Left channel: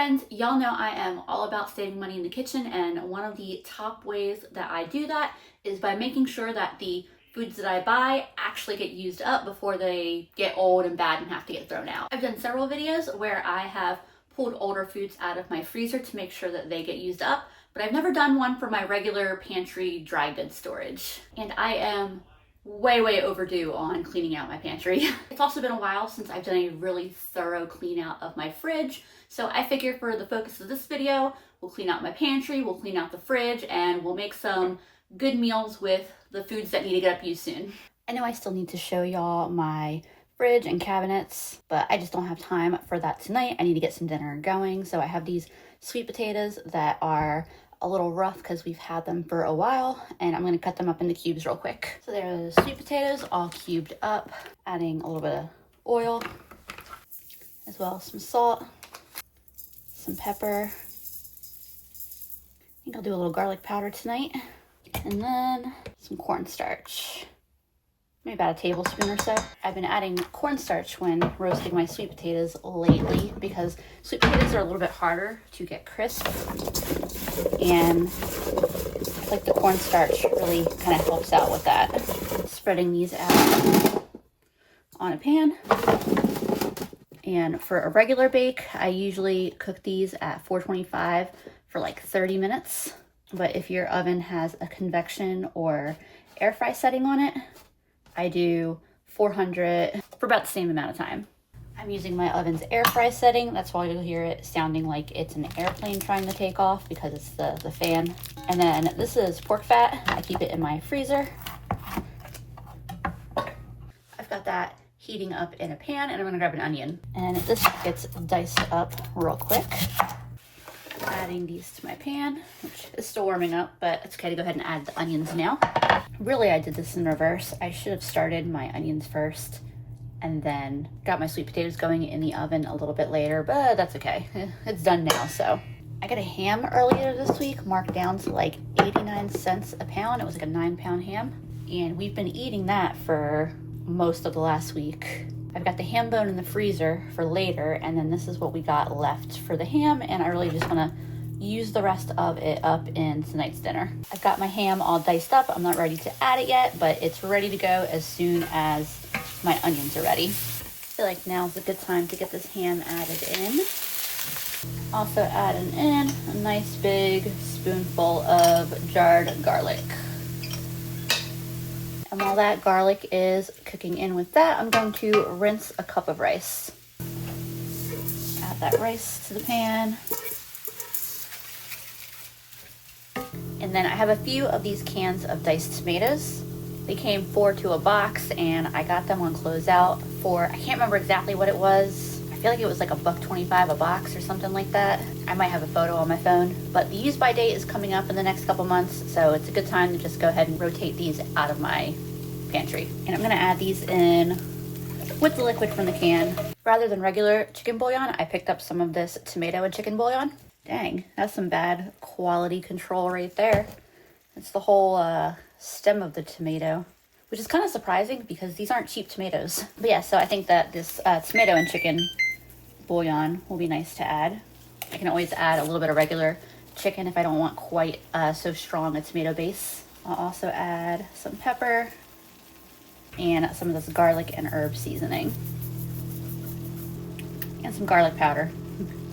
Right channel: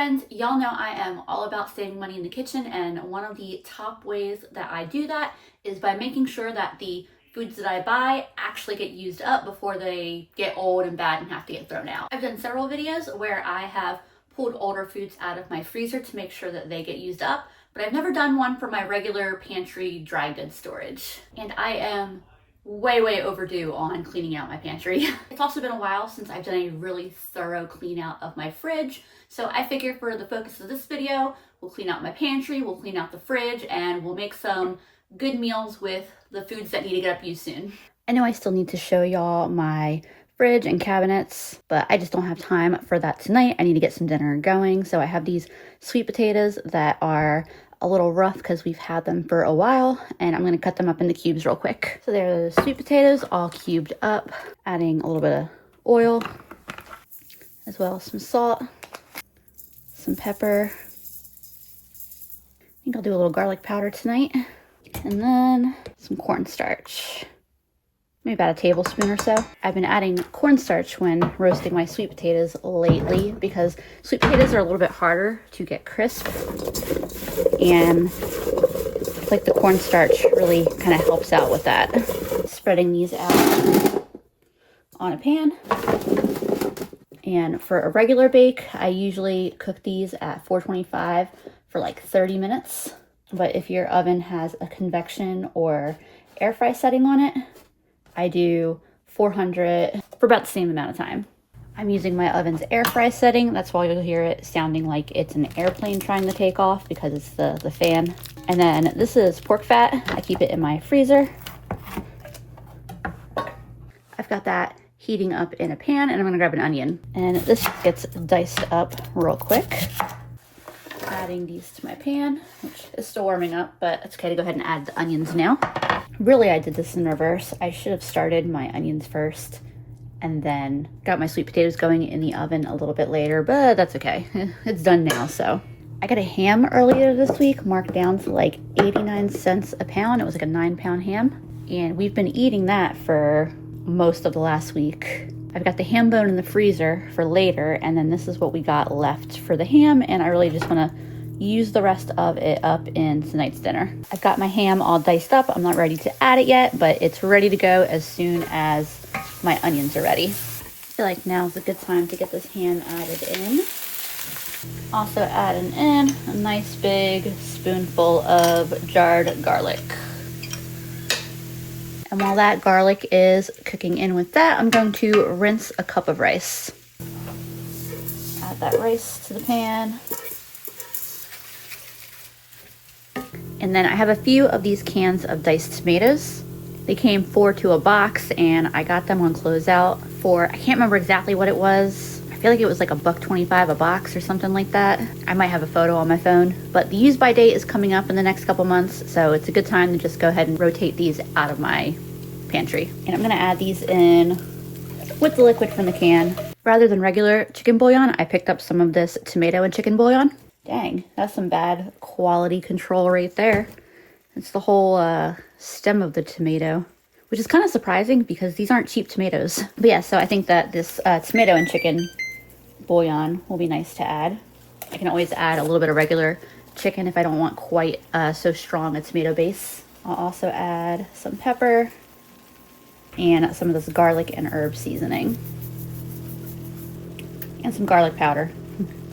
friends, y'all know I am all about saving money in the kitchen, and one of the top ways that I do that is by making sure that the foods that I buy actually get used up before they get old and bad and have to get thrown out. I've done several videos where I have pulled older foods out of my freezer to make sure that they get used up, but I've never done one for my regular pantry dry goods storage. And I am way overdue on cleaning out my pantry. It's also been a while since I've done a really thorough clean out of my fridge, so I figure for the focus of this video, we'll clean out my pantry, we'll clean out the fridge, and we'll make some good meals with the foods that need to get up used soon. I know I still need to show y'all my fridge and cabinets, but I just don't have time for that tonight. I need to get some dinner going. So I have these sweet potatoes that are a little rough because we've had them for a while, and I'm gonna cut them up into cubes real quick. So there are the sweet potatoes all cubed up, adding a little bit of oil, as well as some salt, some pepper. I think I'll do a little garlic powder tonight, and then some cornstarch. Maybe about a tablespoon or so. I've been adding cornstarch when roasting my sweet potatoes lately because sweet potatoes are a little bit harder to get crisp, and I feel like the cornstarch really kind of helps out with that. Spreading these out on a pan. And for a regular bake, I usually cook these at 425 for like 30 minutes. But if your oven has a convection or air fry setting on it, I do 400 for about the same amount of time. I'm using my oven's air fry setting. That's why you'll hear it sounding like it's an airplane trying to take off, because it's the fan. And then this is pork fat. I keep it in my freezer. I've got that heating up in a pan, and I'm gonna grab an onion. And this gets diced up real quick. Adding these to my pan, which is still warming up, but it's okay to go ahead and add the onions now. Really, I did this in reverse. I should have started my onions first and then got my sweet potatoes going in the oven a little bit later, but that's okay. It's done now, so. I got a ham earlier this week, marked down to like 89 cents a pound. It was like a 9-pound ham, and we've been eating that for most of the last week. I've got the ham bone in the freezer for later, and then this is what we got left for the ham, and I really just want to use the rest of it up in tonight's dinner. I've got my ham all diced up. I'm not ready to add it yet, but it's ready to go as soon as my onions are ready. I feel like now's a good time to get this ham added in. Also adding in a nice big spoonful of jarred garlic. And while that garlic is cooking in with that, I'm going to rinse a cup of rice. Add that rice to the pan. And then I have a few of these cans of diced tomatoes. They came 4 to a box, and I got them on closeout for, I can't remember exactly what it was. I feel like it was like $1.25 a box or something like that. I might have a photo on my phone, but the use by date is coming up in the next couple months, so it's a good time to just go ahead and rotate these out of my pantry. And I'm gonna add these in with the liquid from the can. Rather than regular chicken bouillon, I picked up some of this tomato and chicken bouillon. Dang, that's some bad quality control right there. It's the whole stem of the tomato, which is kind of surprising because these aren't cheap tomatoes. But yeah, so I think that this tomato and chicken bouillon will be nice to add. I can always add a little bit of regular chicken if I don't want quite so strong a tomato base. I'll also add some pepper and some of this garlic and herb seasoning. And some garlic powder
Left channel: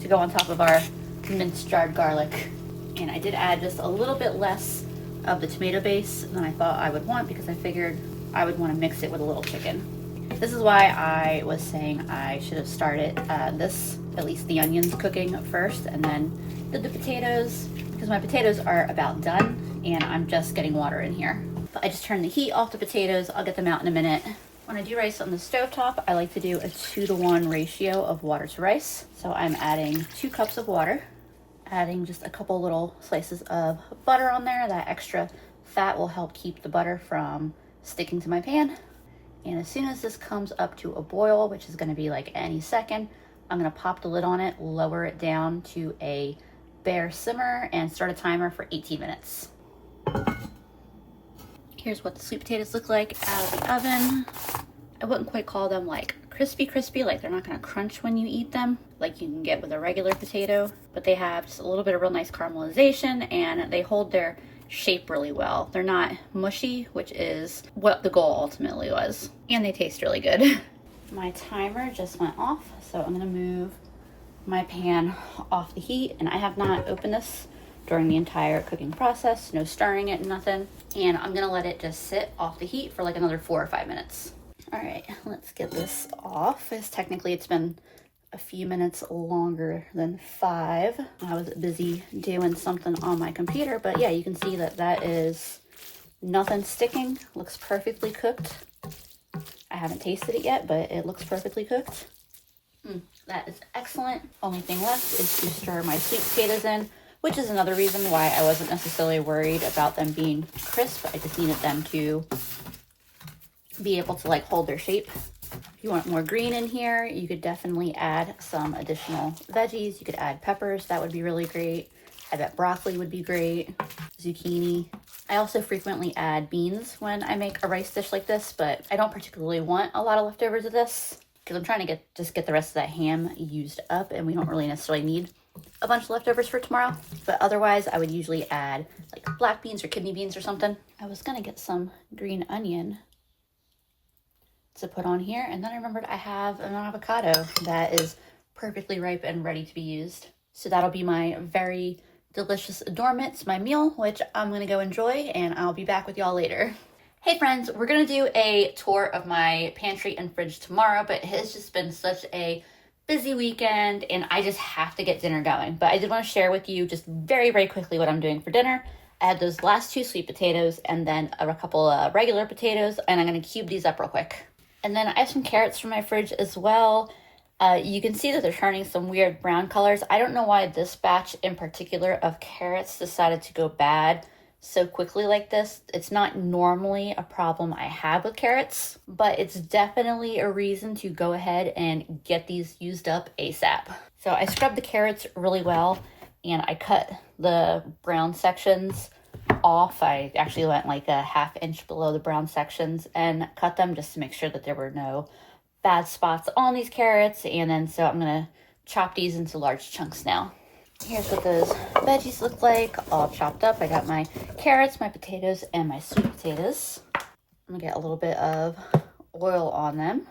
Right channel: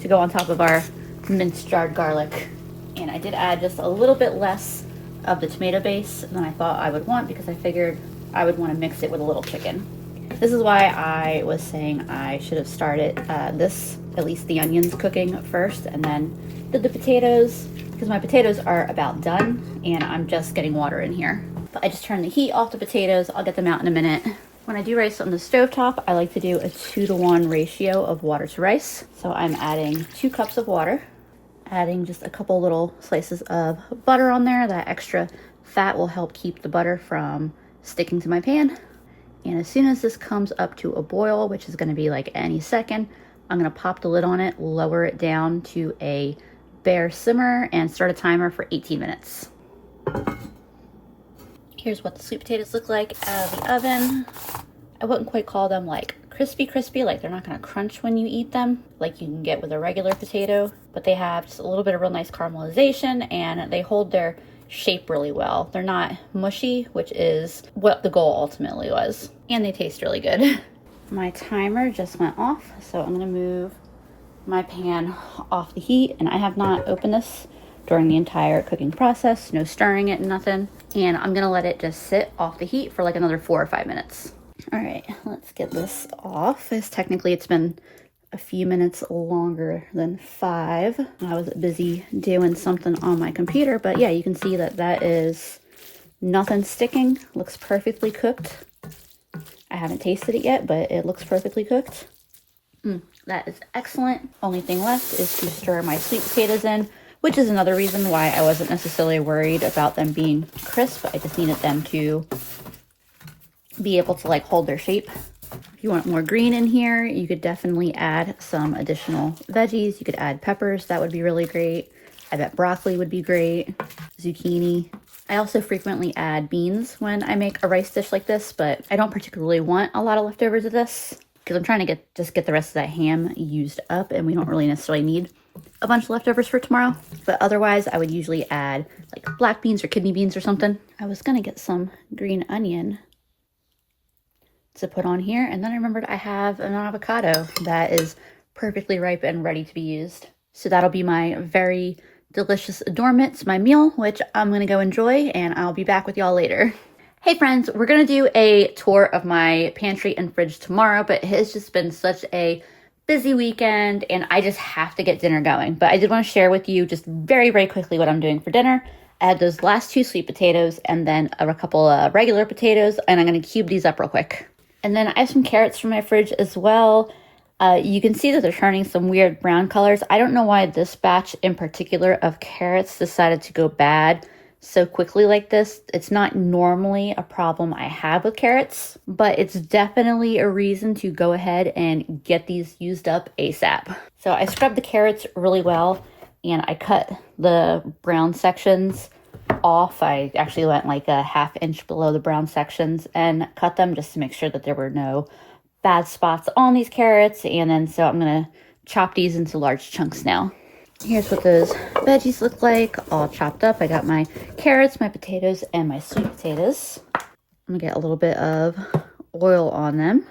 to go on top of our minced jarred garlic. And I did add just a little bit less of the tomato base than I thought I would want, because I figured I would want to mix it with a little chicken. This is why I was saying I should have started at least the onions cooking first, and then did the potatoes, because my potatoes are about done and I'm just getting water in here. But I just turned the heat off the potatoes. I'll get them out in a minute. When I do rice on the stovetop, I like to do a 2-to-1 ratio of water to rice. So I'm adding 2 cups of water, adding just a couple little slices of butter on there. That extra fat will help keep the butter from sticking to my pan. And as soon as this comes up to a boil, which is going to be like any second, I'm going to pop the lid on it, lower it down to a bare simmer, and start a timer for 18 minutes. Here's what the sweet potatoes look like out of the oven. I wouldn't quite call them like crispy, like they're not gonna crunch when you eat them, like you can get with a regular potato, but they have just a little bit of real nice caramelization and they hold their shape really well. They're not mushy, which is what the goal ultimately was. And they taste really good. My timer just went off, so I'm gonna move my pan off the heat, and I have not opened this during the entire cooking process, no stirring it, nothing. And I'm gonna let it just sit off the heat for like another 4 or 5 minutes. All right, let's get this off. Technically it's been a few minutes longer than 5. I was busy doing something on my computer, but yeah, you can see that that is nothing sticking, looks perfectly cooked. I haven't tasted it yet, but it looks perfectly cooked. That is excellent. Only thing left is to stir my sweet potatoes in, which is another reason why I wasn't necessarily worried about them being crisp. I just needed them to be able to like hold their shape. If you want more green in here, you could definitely add some additional veggies. You could add peppers, that would be really great. I bet broccoli would be great, zucchini. I also frequently add beans when I make a rice dish like this, but I don't particularly want a lot of leftovers of this because I'm trying to just get the rest of that ham used up, and we don't really necessarily need a bunch of leftovers for tomorrow. But otherwise, I would usually add like black beans or kidney beans or something. I was gonna get some green onion to put on here, and then I remembered I have an avocado that is perfectly ripe and ready to be used. So that'll be my very delicious adornment to my meal, which I'm gonna go enjoy, and I'll be back with y'all later. Hey friends, we're gonna do a tour of my pantry and fridge tomorrow, but it has just been such a busy weekend and I just have to get dinner going. But I did want to share with you just very, very quickly what I'm doing for dinner. I had those last 2 sweet potatoes and then a couple of regular potatoes, and I'm gonna cube these up real quick. And then I have some carrots from my fridge as well. You can see that they're turning some weird brown colors. I don't know why this batch in particular of carrots decided to go bad so quickly like this. It's not normally a problem I have with carrots, but it's definitely a reason to go ahead and get these used up ASAP. So I scrubbed the carrots really well and I cut the brown sections off. I actually went like a 1/2 inch below the brown sections and cut them just to make sure that there were no bad spots on these carrots. And then so I'm gonna chop these into large chunks now. Here's what those veggies look like, all chopped up. I got my carrots, my potatoes, and my sweet potatoes. I'm gonna get a little bit of oil on them,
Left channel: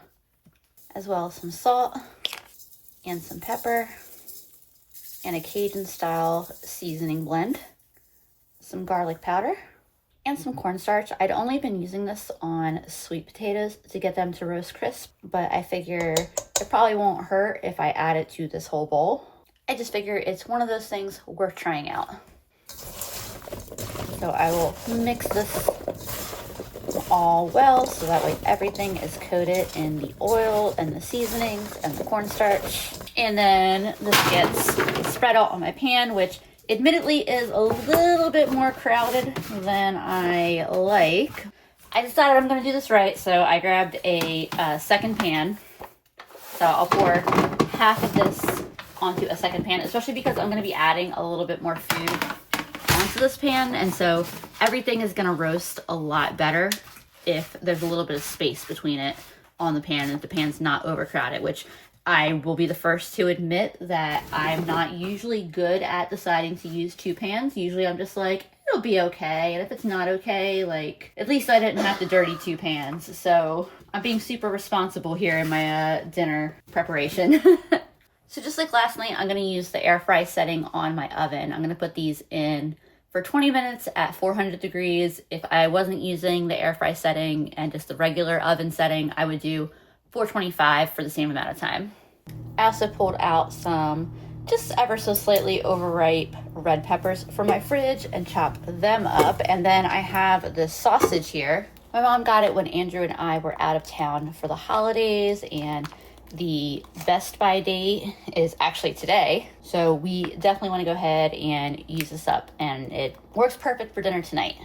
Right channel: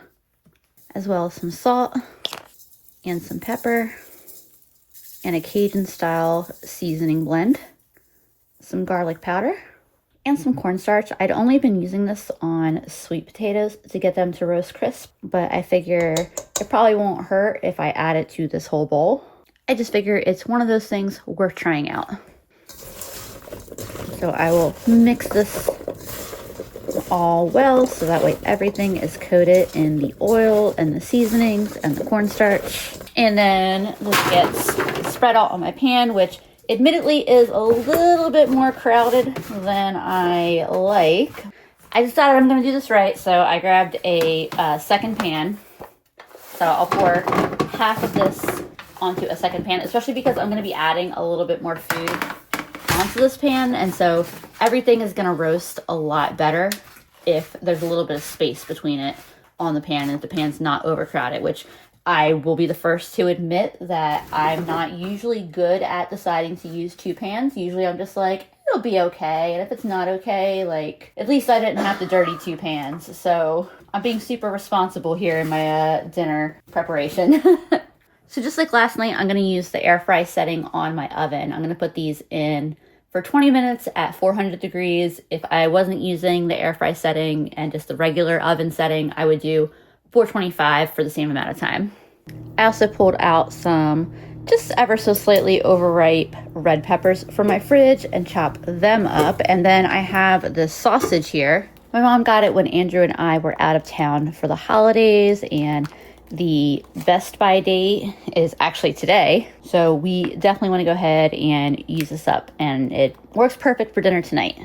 as well as some salt and some pepper and a Cajun style seasoning blend, some garlic powder, and some cornstarch. I'd only been using this on sweet potatoes to get them to roast crisp, but I figure it probably won't hurt if I add it to this whole bowl. I just figure it's one of those things worth trying out. So I will mix this all well so that way everything is coated in the oil and the seasonings and the cornstarch. And then this gets spread out on my pan, which admittedly is a little bit more crowded than I like. I decided I'm gonna do this right, so I grabbed a second pan. So I'll pour half of this onto a second pan, especially because I'm gonna be adding a little bit more food onto this pan, and so everything is gonna roast a lot better if there's a little bit of space between it on the pan and if the pan's not overcrowded, which I will be the first to admit that I'm not usually good at deciding to use 2 pans. Usually I'm just like, it'll be okay, and if it's not okay, like, at least I didn't have to dirty 2 pans. So I'm being super responsible here in my dinner preparation. So just like last night, I'm gonna use the air fry setting on my oven. I'm gonna put these in for 20 minutes at 400 degrees. If I wasn't using the air fry setting and just the regular oven setting, I would do 425 for the same amount of time. I also pulled out some just ever so slightly overripe red peppers from my fridge and chopped them up. And then I have this sausage here. My mom got it when Andrew and I were out of town for the holidays, and the Best By date is actually today. So we definitely want to go ahead and use this up, and it works perfect for dinner tonight.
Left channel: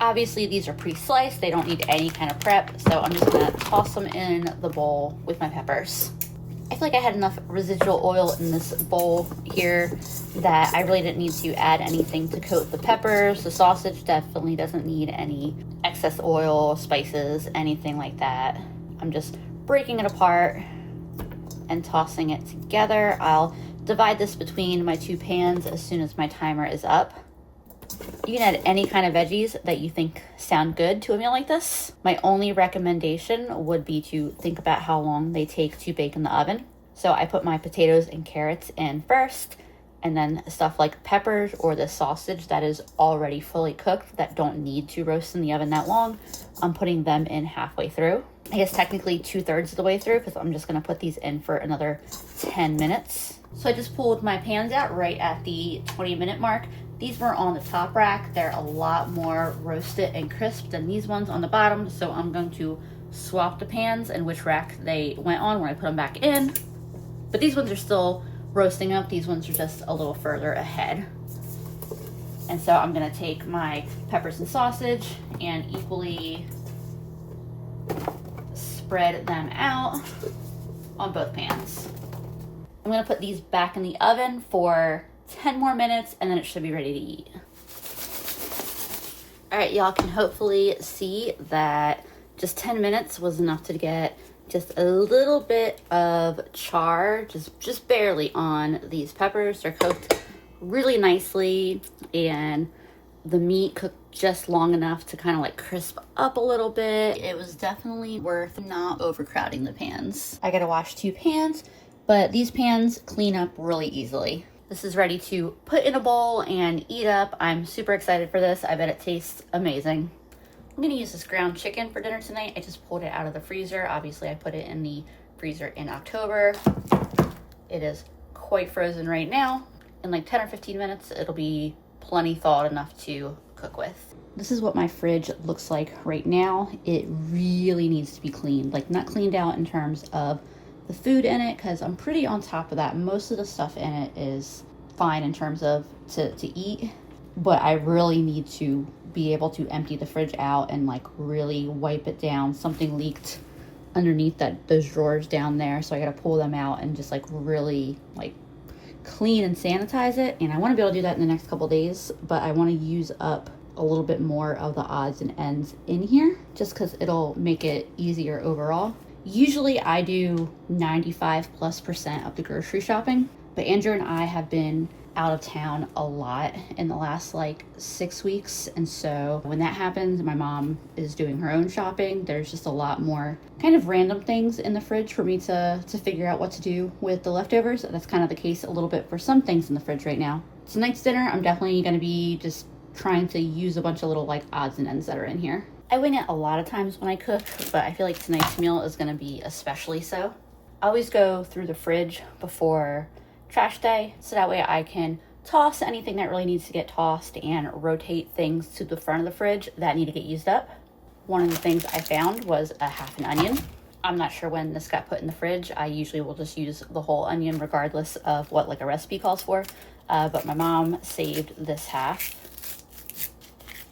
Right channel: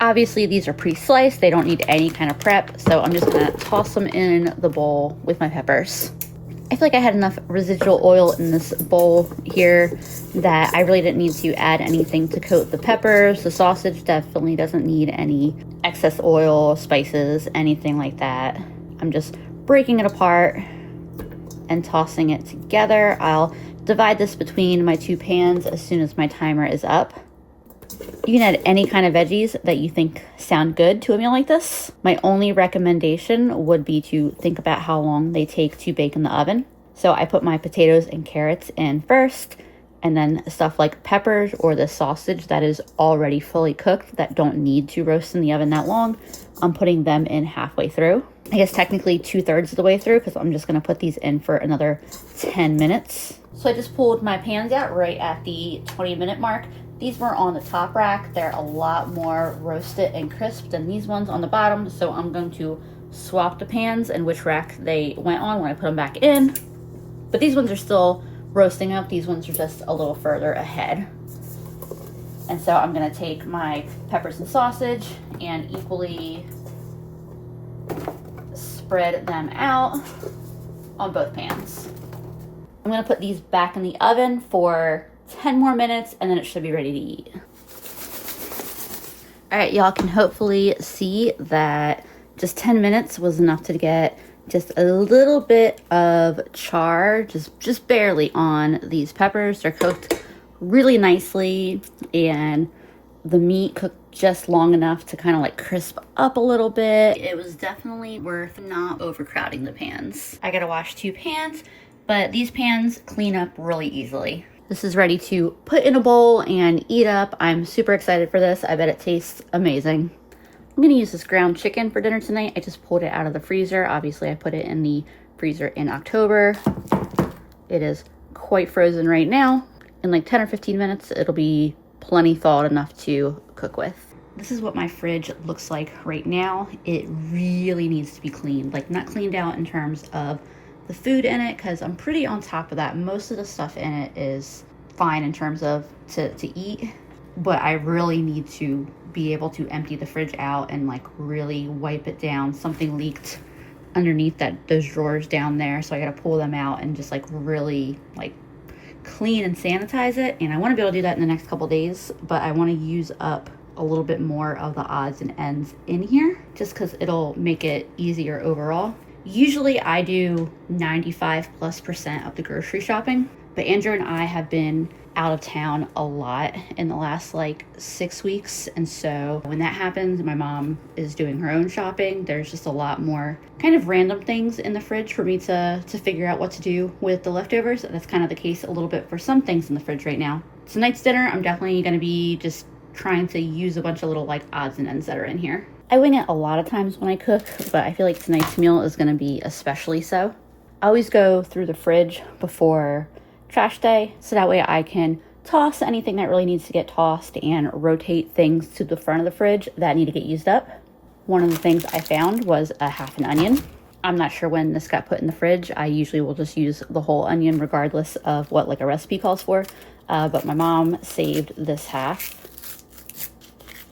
Obviously these are pre-sliced, they don't need any kind of prep, so I'm just gonna toss them in the bowl with my peppers. I feel like I had enough residual oil in this bowl here that I really didn't need to add anything to coat the peppers. The sausage definitely doesn't need any excess oil, spices, anything like that. I'm just breaking it apart and tossing it together. I'll divide this between my 2 pans as soon as my timer is up. You can add any kind of veggies that you think sound good to a meal like this. My only recommendation would be to think about how long they take to bake in the oven. So I put my potatoes and carrots in first, and then stuff like peppers or the sausage that is already fully cooked that don't need to roast in the oven that long, I'm putting them in halfway through. I guess technically 2/3 of the way through, because I'm just gonna put these in for another 10 minutes. So I just pulled my pans out right at the 20-minute mark. These were on the top rack. They're a lot more roasted and crisp than these ones on the bottom, so I'm going to swap the pans and which rack they went on when I put them back in. But these ones are still roasting up. These ones are just a little further ahead. And so I'm gonna take my peppers and sausage and equally spread them out on both pans. I'm gonna put these back in the oven for 10 more minutes and then it should be ready to eat. All right, y'all can hopefully see that just 10 minutes was enough to get just a little bit of char, just barely on these peppers. They're cooked really nicely and the meat cooked just long enough to kind of like crisp up a little bit. It was definitely worth not overcrowding the pans. I gotta wash 2 pans, but these pans clean up really easily. This is ready to put in a bowl and eat up. I'm super excited for this. I bet it tastes amazing. I'm gonna use this ground chicken for dinner tonight. I just pulled it out of the freezer. Obviously I put it in the freezer in October. It is quite frozen right now. In like 10 or 15 minutes, it'll be plenty thawed enough to cook with. This is what my fridge looks like right now. It really needs to be cleaned, like not cleaned out in terms of the food in it, because I'm pretty on top of that. Most of the stuff in it is fine in terms of to eat, but I really need to be able to empty the fridge out and like really wipe it down. Something leaked underneath those drawers down there, so I gotta pull them out and just like really like clean and sanitize it. And I want to be able to do that in the next couple days, but I want to use up a little bit more of the odds and ends in here just because it'll make it easier overall. Usually I do 95+% of the grocery shopping, but Andrew and I have been out of town a lot in the last like 6 weeks, and so when that happens, my mom is doing her own shopping. There's just a lot more kind of random things in the fridge for me to figure out what to do with the leftovers. That's kind of the case a little bit for some things in the fridge right now. Tonight's dinner, I'm definitely going to be just trying to use a bunch of little like odds and ends that are in here. I wing it a lot of times when I cook, but I feel like tonight's meal is going to be especially so. I always go through the fridge before trash day, so that way I can toss anything that really needs to get tossed and rotate things to the front of the fridge that need to get used up. One of the things I found was a half an onion. I'm not sure when this got put in the fridge. I usually will just use the whole onion regardless of what like a recipe calls for, but my mom saved this half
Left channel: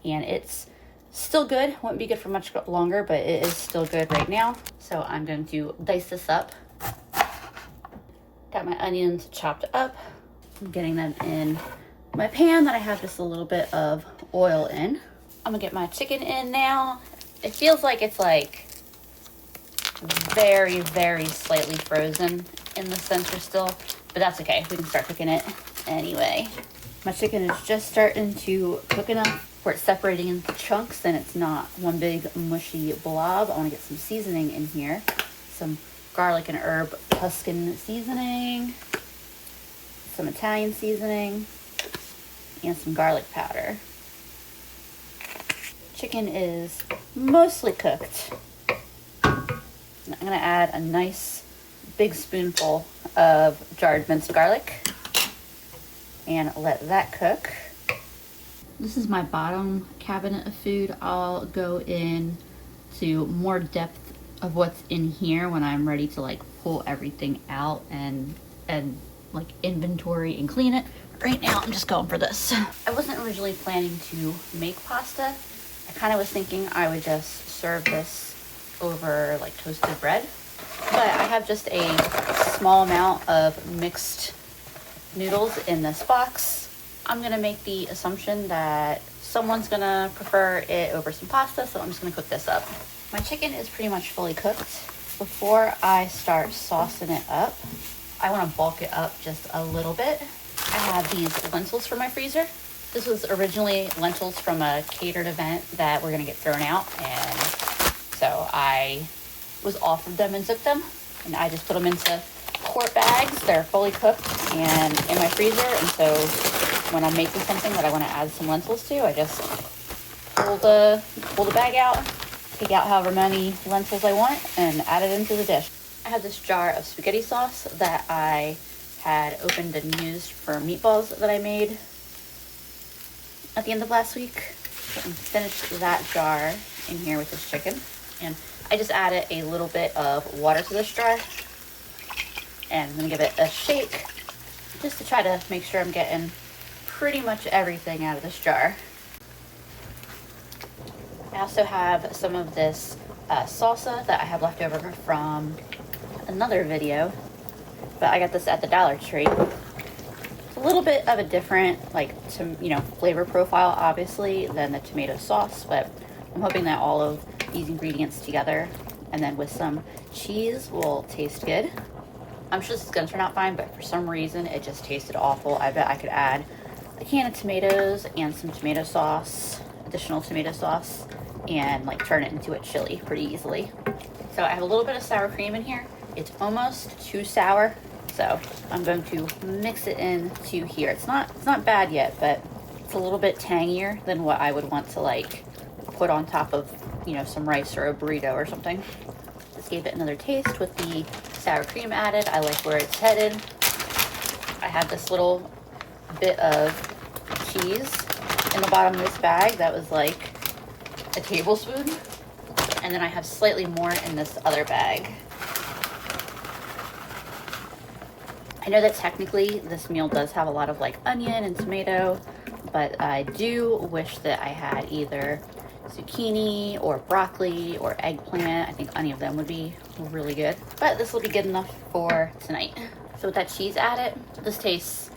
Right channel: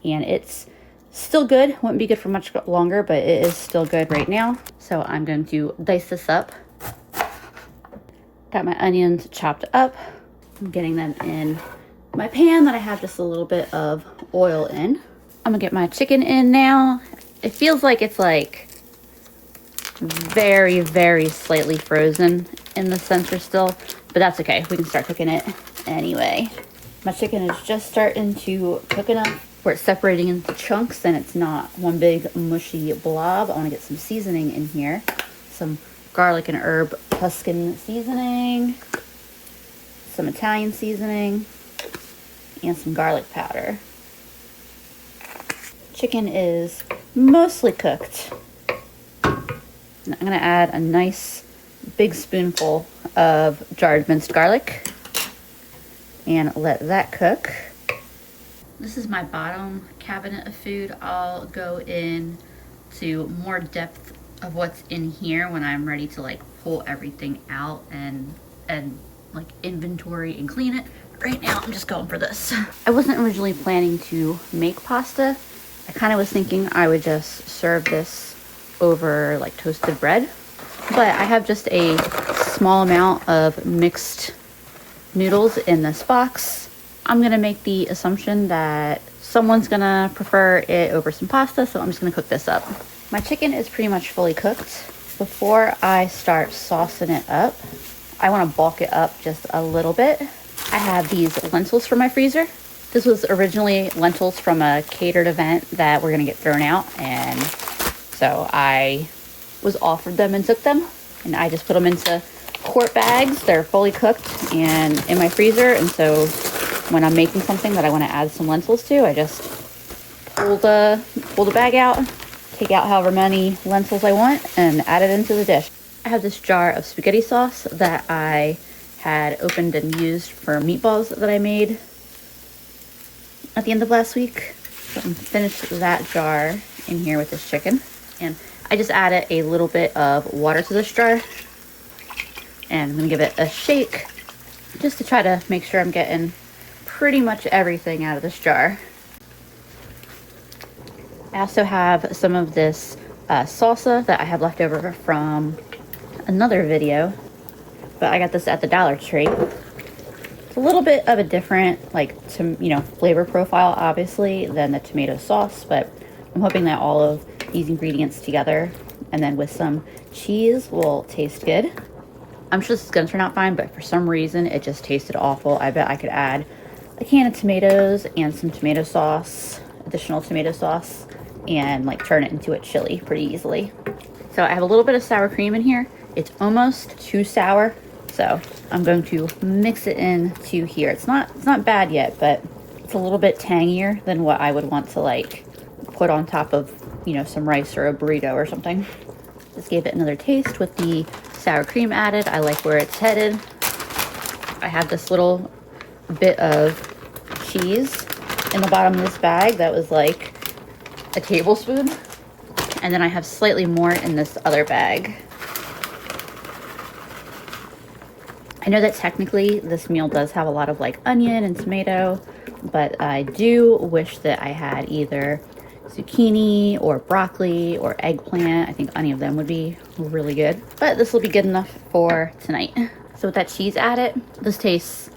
and it's still good. Wouldn't be good for much longer, but it is still good right now. So I'm going to dice this up. Got my onions chopped up. I'm getting them in my pan that I have just a little bit of oil in. I'm gonna get my chicken in now. It feels like it's like very, very slightly frozen in the center still, but that's okay. We can start cooking it anyway. My chicken is just starting to cook enough where it's separating into chunks and it's not one big mushy blob. I wanna get some seasoning in here. Some garlic and herb Tuscan seasoning, some Italian seasoning, and some garlic powder. Chicken is mostly cooked. I'm gonna add a nice big spoonful of jarred minced garlic and let that cook. This is my bottom cabinet of food. I'll go in to more depth of what's in here when I'm ready to like pull everything out and like inventory and clean it. Right now I'm just going for this. I wasn't originally planning to make pasta. I kind of was thinking I would just serve this over like toasted bread, but I have just a small amount of mixed noodles in this box. I'm gonna make the assumption that someone's gonna prefer it over some pasta, so I'm just gonna cook this up. My chicken is pretty much fully cooked. Before I start saucing it up, I want to bulk it up just a little bit. I have these lentils from my freezer. This was originally lentils from a catered event that were gonna get thrown out, and so I was offered them and took them, and I just put them into quart bags. They're fully cooked and in my freezer, and so when I'm making something that I want to add some lentils to, I just pull the bag out, take out however many lentils I want, and add it into the dish. I have this jar of spaghetti sauce that I had opened and used for meatballs that I made at the end of last week. So I'm finished that jar in here with this chicken, and I just added a little bit of water to this jar, and I'm gonna give it a shake just to try to make sure I'm getting pretty much everything out of this jar. I also have some of this salsa that I have left over from another video, but I got this at the Dollar Tree. It's a little bit of a different, flavor profile, obviously, than the tomato sauce, but I'm hoping that all of these ingredients together and then with some cheese will taste good. I'm sure this is gonna turn out fine, but for some reason it just tasted awful. I bet I could add a can of tomatoes and some tomato sauce, additional tomato sauce, and turn it into a chili pretty easily. So I have a little bit of sour cream in here. It's almost too sour, so I'm going to mix it into here. It's not bad yet, but it's a little bit tangier than what I would want to put on top of, some rice or a burrito or something. Just gave it another taste with the sour cream added. I like where it's headed. I have this little bit of cheese in the bottom of this bag that was like a tablespoon, and then I have slightly more in this other bag. I know that technically this meal does have a lot of onion and tomato, but I do wish that I had either zucchini or broccoli or eggplant. I think any of them would be really good, but this will be good enough for tonight. So with that cheese added, this tastes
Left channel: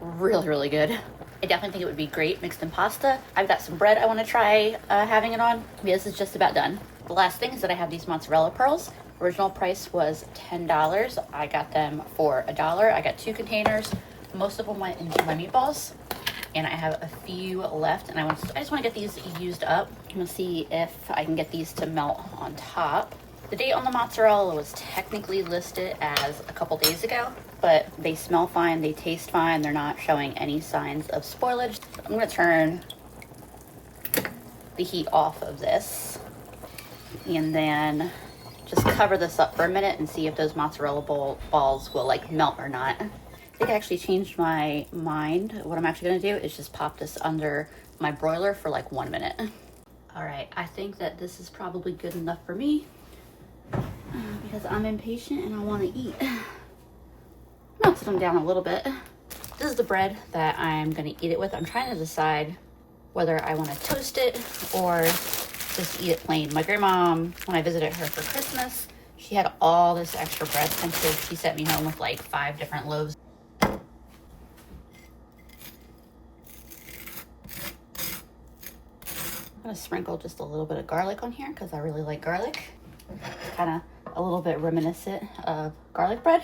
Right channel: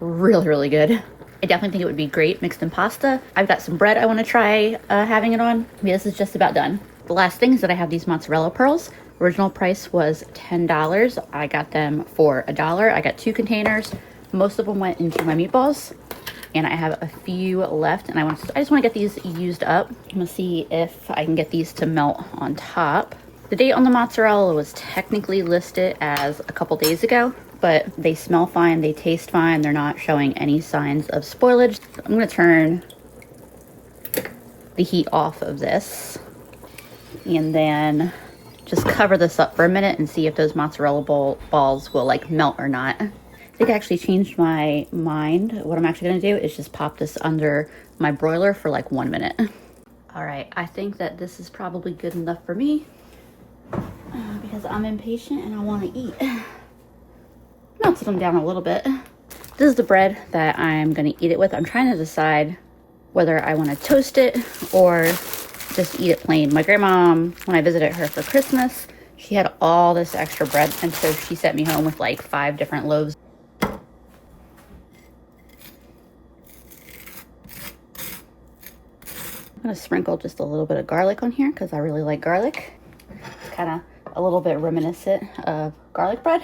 really, really good. I definitely think it would be great mixed in pasta. I've got some bread I want to try having it on. This is just about done. The last thing is that I have these mozzarella pearls. Original price was $10. I got them for $1. I got 2 containers. Most of them went into my meatballs, and I have a few left, and I just want to get these used up. I'm gonna see if I can get these to melt on top. The date on the mozzarella was technically listed as a couple days ago, but they smell fine, they taste fine, they're not showing any signs of spoilage. I'm gonna turn the heat off of this and then just cover this up for a minute and see if those mozzarella balls will melt or not. I think I actually changed my mind. What I'm actually gonna do is just pop this under my broiler for 1 minute. All right, I think that this is probably good enough for me because I'm impatient and I wanna eat. Melted them down a little bit. This is the bread that I'm gonna eat it with. I'm trying to decide whether I wanna toast it or just eat it plain. My grandma, when I visited her for Christmas, she had all this extra bread, and so she sent me home with 5 different loaves. I'm gonna sprinkle just a little bit of garlic on here because I really like garlic. It's kind of a little bit reminiscent of garlic bread.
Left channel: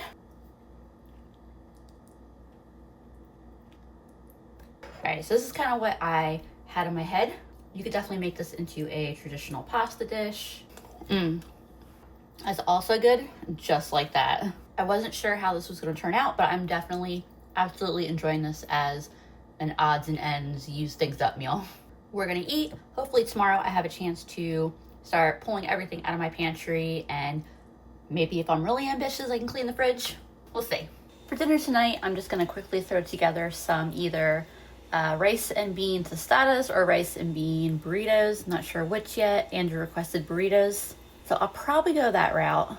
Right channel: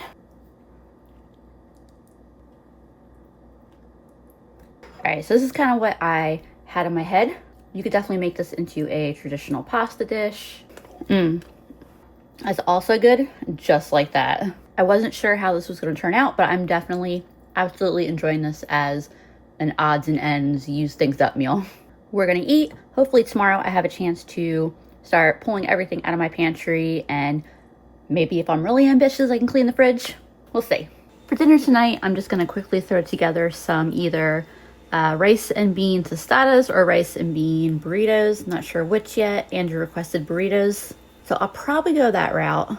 All right, so this is kind of what I had in my head. You could definitely make this into a traditional pasta dish. It's also good just like that. I wasn't sure how this was going to turn out, but I'm definitely absolutely enjoying this as an odds and ends, use things up meal. We're gonna eat. Hopefully tomorrow I have a chance to start pulling everything out of my pantry, and maybe if I'm really ambitious, I can clean the fridge. We'll see. For dinner tonight, I'm just gonna quickly throw together some either rice and bean tostadas or rice and bean burritos. Not sure which yet. Andrew requested burritos, so I'll probably go that route.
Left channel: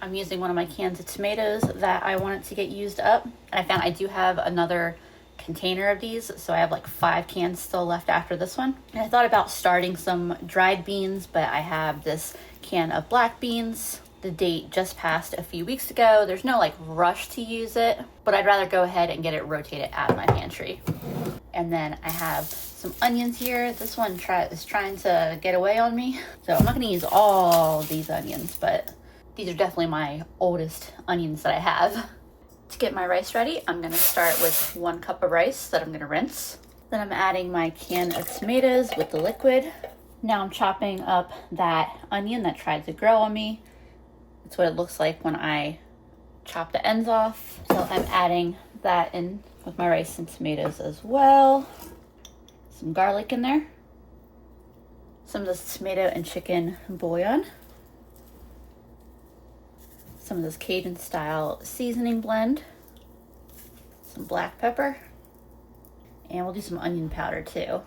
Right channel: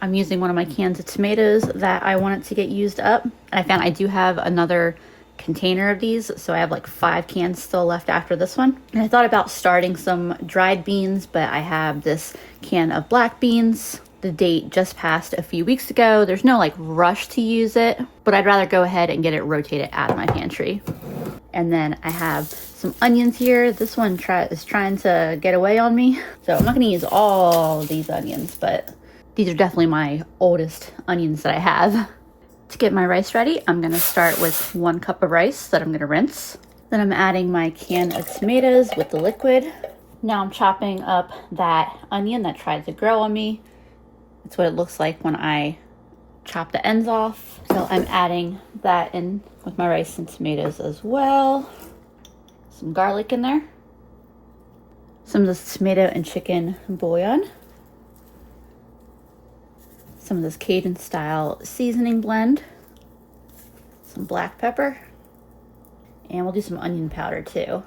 I'm using one of my cans of tomatoes that I wanted to get used up, and I found I do have another container of these, so I have 5 cans still left after this one. And I thought about starting some dried beans, but I have this can of black beans. The date just passed a few weeks ago. There's no rush to use it, but I'd rather go ahead and get it rotated out of my pantry. And then I have some onions here. This one is trying to get away on me, so I'm not gonna use all these onions, but These are definitely my oldest onions that I have. To get my rice ready, I'm gonna start with 1 cup of rice that I'm gonna rinse. Then I'm adding my can of tomatoes with the liquid. Now I'm chopping up that onion that tried to grow on me. That's what it looks like when I chop the ends off. So I'm adding that in with my rice and tomatoes as well. Some garlic in there. Some of this tomato and chicken bouillon. Some of this Cajun style seasoning blend. Some black pepper. And we'll do some onion powder too.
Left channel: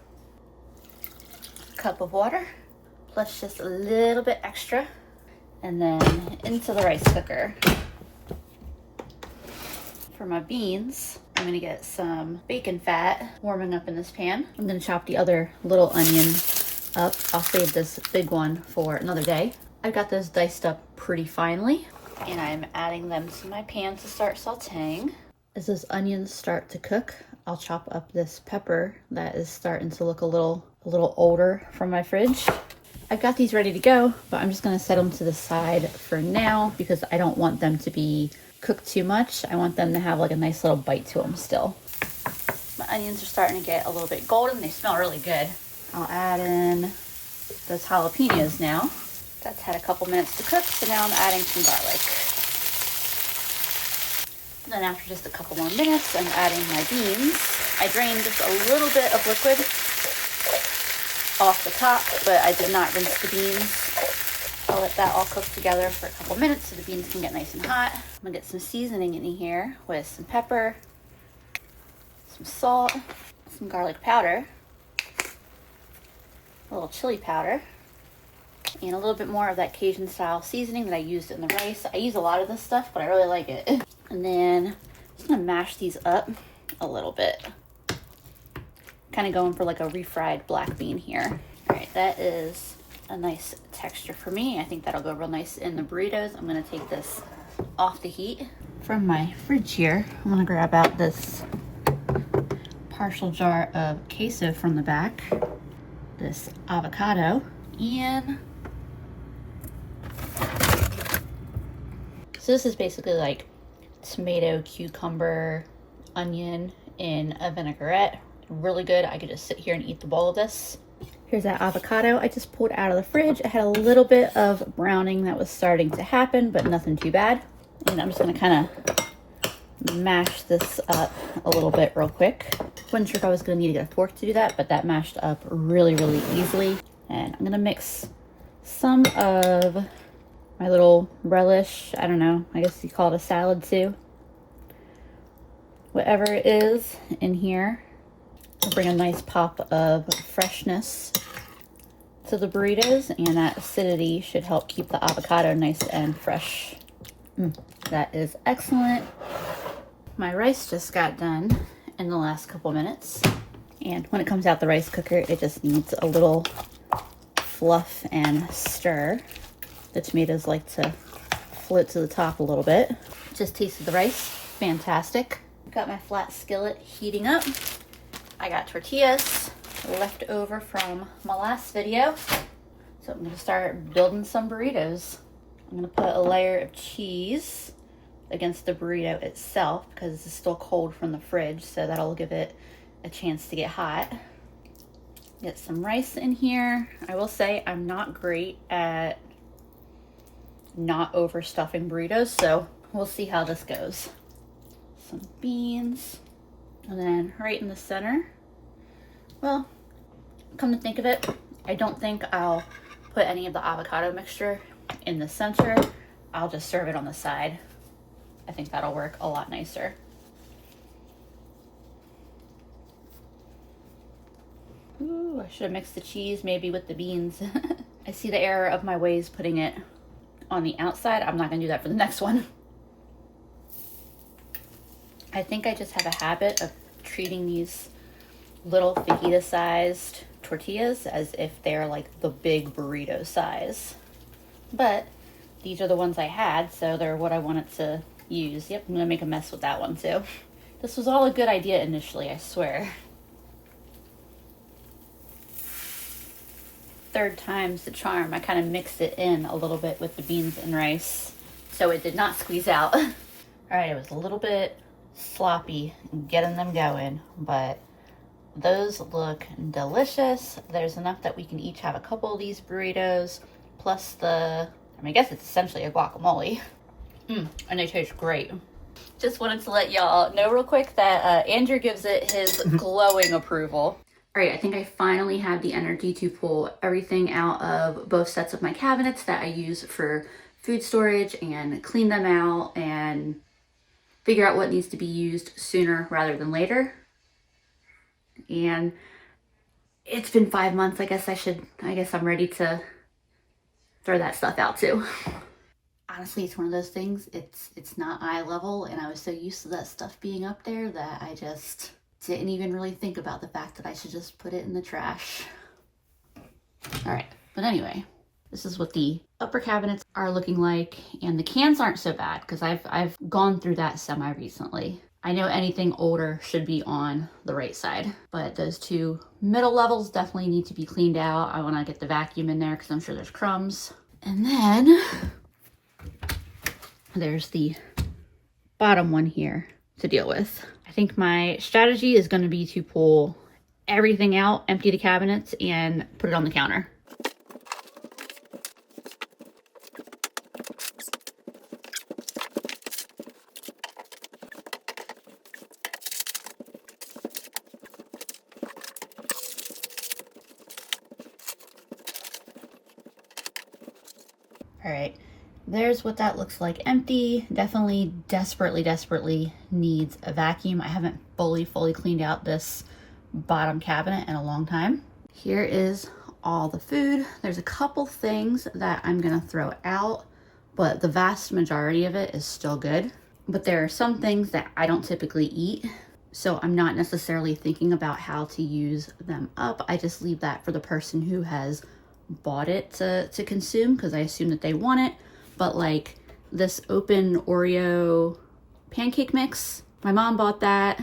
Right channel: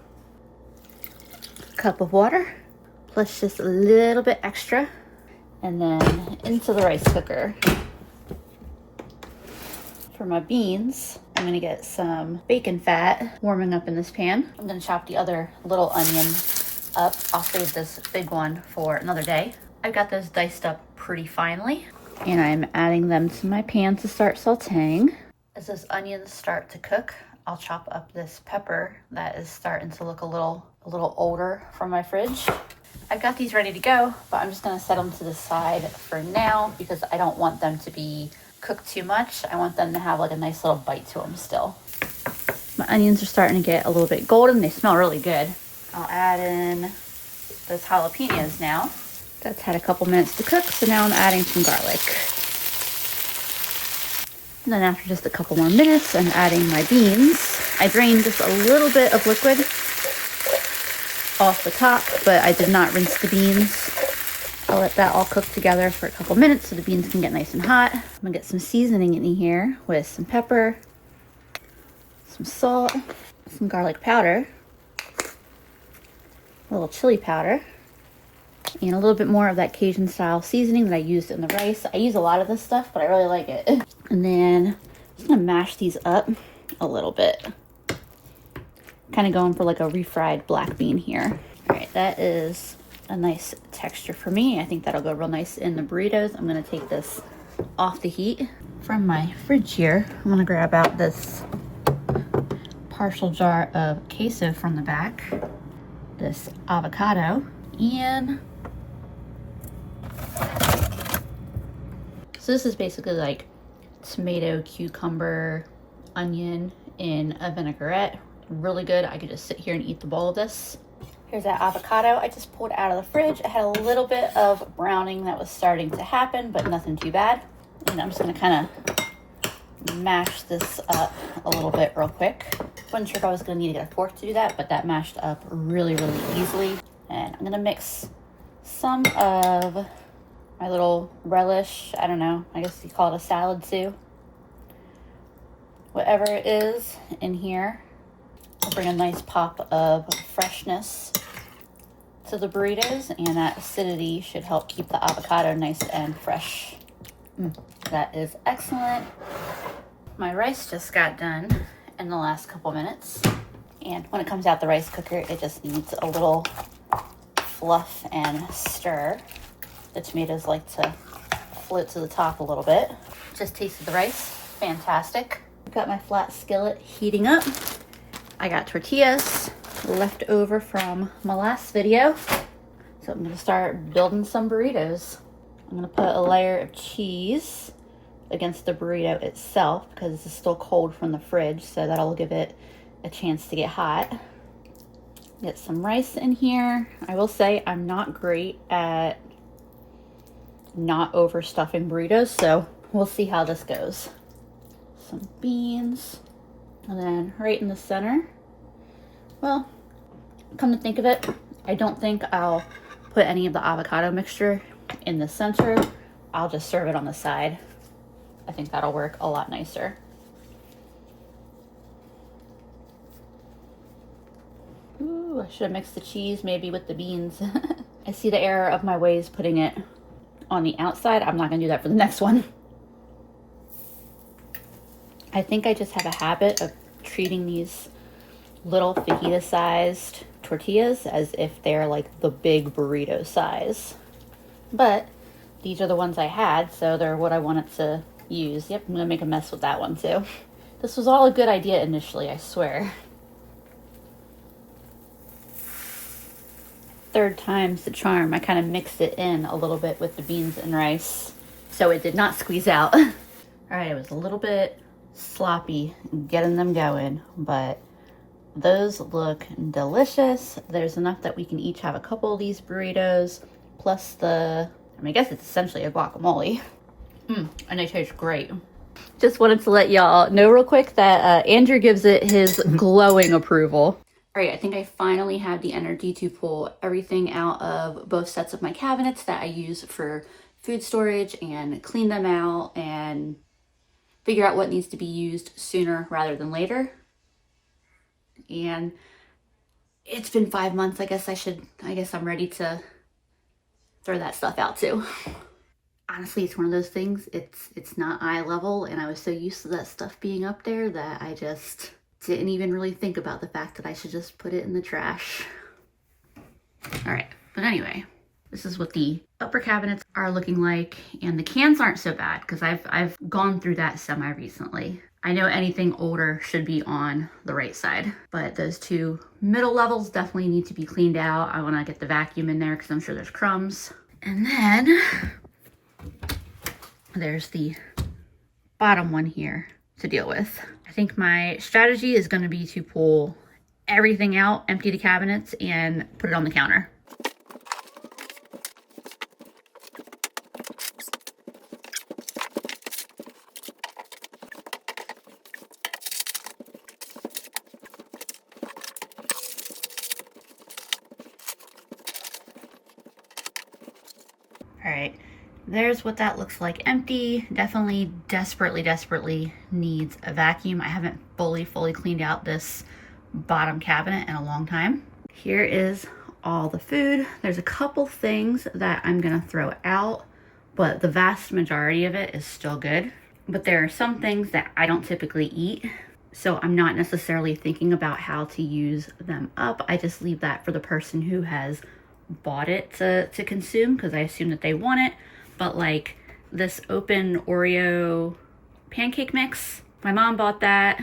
A cup of water, plus just a little bit extra. And then into the rice cooker. For my beans, I'm gonna get some bacon fat warming up in this pan. I'm gonna chop the other little onion up. I'll save this big one for another day. I've got those diced up pretty finely, and I'm adding them to my pan to start sauteing. As those onions start to cook, I'll chop up this pepper that is starting to look a little older from my fridge. I've got these ready to go, but I'm just gonna set them to the side for now because I don't want them to be cooked too much. I want them to have like a nice little bite to them still. My onions are starting to get a little bit golden. They smell really good. I'll add in those jalapenos now. That's had a couple minutes to cook, so now I'm adding some garlic. And then after just a couple more minutes, I'm adding my beans. I drained just a little bit of liquid off the top, but I did not rinse the beans. I'll let that all cook together for a couple minutes so the beans can get nice and hot. I'm gonna get some seasoning in here with some pepper, some salt, some garlic powder, a little chili powder, and a little bit more of that Cajun style seasoning that I used in the rice. I use a lot of this stuff, but I really like it. And then I'm just gonna mash these up a little bit. Kind of going for like a refried black bean here. All right, that is a nice texture for me. I think that'll go real nice in the burritos. I'm gonna take this off the heat. From my fridge here, I'm gonna grab out this partial jar of queso from the back, this avocado, and so this is basically like tomato, cucumber, onion in a vinaigrette. Really good. I could just sit here and eat the bowl of this. Here's that avocado I just pulled out of the fridge. It had a little bit of browning that was starting to happen, but nothing too bad. And I'm just gonna kind of mash this up a little bit real quick. Wasn't sure if I was gonna need to get a fork to do that, but that mashed up really, really easily. And I'm gonna mix some of my little relish, I don't know, I guess you call it a salad too. Whatever it is in here. I'll bring a nice pop of freshness to the burritos, and that acidity should help keep the avocado nice and fresh. That is excellent. My rice just got done in the last couple minutes, and when it comes out the rice cooker, it just needs a little fluff and stir. The tomatoes like to float to the top a little bit. Just tasted the rice, fantastic. I've got my flat skillet heating up. I got tortillas left over from my last video. So I'm gonna start building some burritos. I'm gonna put a layer of cheese against the burrito itself because it's still cold from the fridge, so that'll give it a chance to get hot. Get some rice in here. I will say I'm not great at not overstuffing burritos, so we'll see how this goes. Some beans, and then right in the center, well, come to think of it, I don't think I'll put any of the avocado mixture in the center. I'll just serve it on the side. I think that'll work a lot nicer. Ooh, I should have mixed the cheese maybe with the beans. I see the error of my ways putting it on the outside. I'm not gonna do that for the next one. I think I just have a habit of treating these little fajita sized tortillas as if they're like the big burrito size. But these are the ones I had, so they're what I wanted to use. Yep, I'm gonna make a mess with that one too. This was all a good idea initially, I swear. Third time's the charm. I kind of mixed it in a little bit with the beans and rice. so it did not squeeze out. All right, it was a little bit sloppy getting them going, but those look delicious. There's enough that we can each have a couple of these burritos, plus I guess it's essentially a guacamole. And they taste great. Just wanted to let y'all know real quick that Andrew gives it his glowing approval. All right, I think I finally have the energy to pull everything out of both sets of my cabinets that I use for food storage and clean them out and figure out what needs to be used sooner rather than later. And it's been 5 months. I guess I'm ready to throw that stuff out too. Honestly, it's one of those things, it's not eye level, and I was so used to that stuff being up there that I just didn't even really think about the fact that I should just put it in the trash. All right, but anyway, this is what the upper cabinets are looking like, and the cans aren't so bad because I've gone through that semi recently. I know anything older should be on the right side, but those two middle levels definitely need to be cleaned out. I want to get the vacuum in there because I'm sure there's crumbs. And then there's the bottom one here to deal with. I think my strategy is going to be to pull everything out, empty the cabinets, and put it on the counter. All right, there's what that looks like empty. Definitely desperately needs a vacuum. I haven't fully cleaned out this bottom cabinet in a long time. Here is all the food. There's a couple things that I'm gonna throw out, but the vast majority of it is still good. But there are some things that I don't typically eat, so I'm not necessarily thinking about how to use them up. I just leave that for the person who has bought it to consume, because I assume that they want it. But like this open Oreo pancake mix, my mom bought that.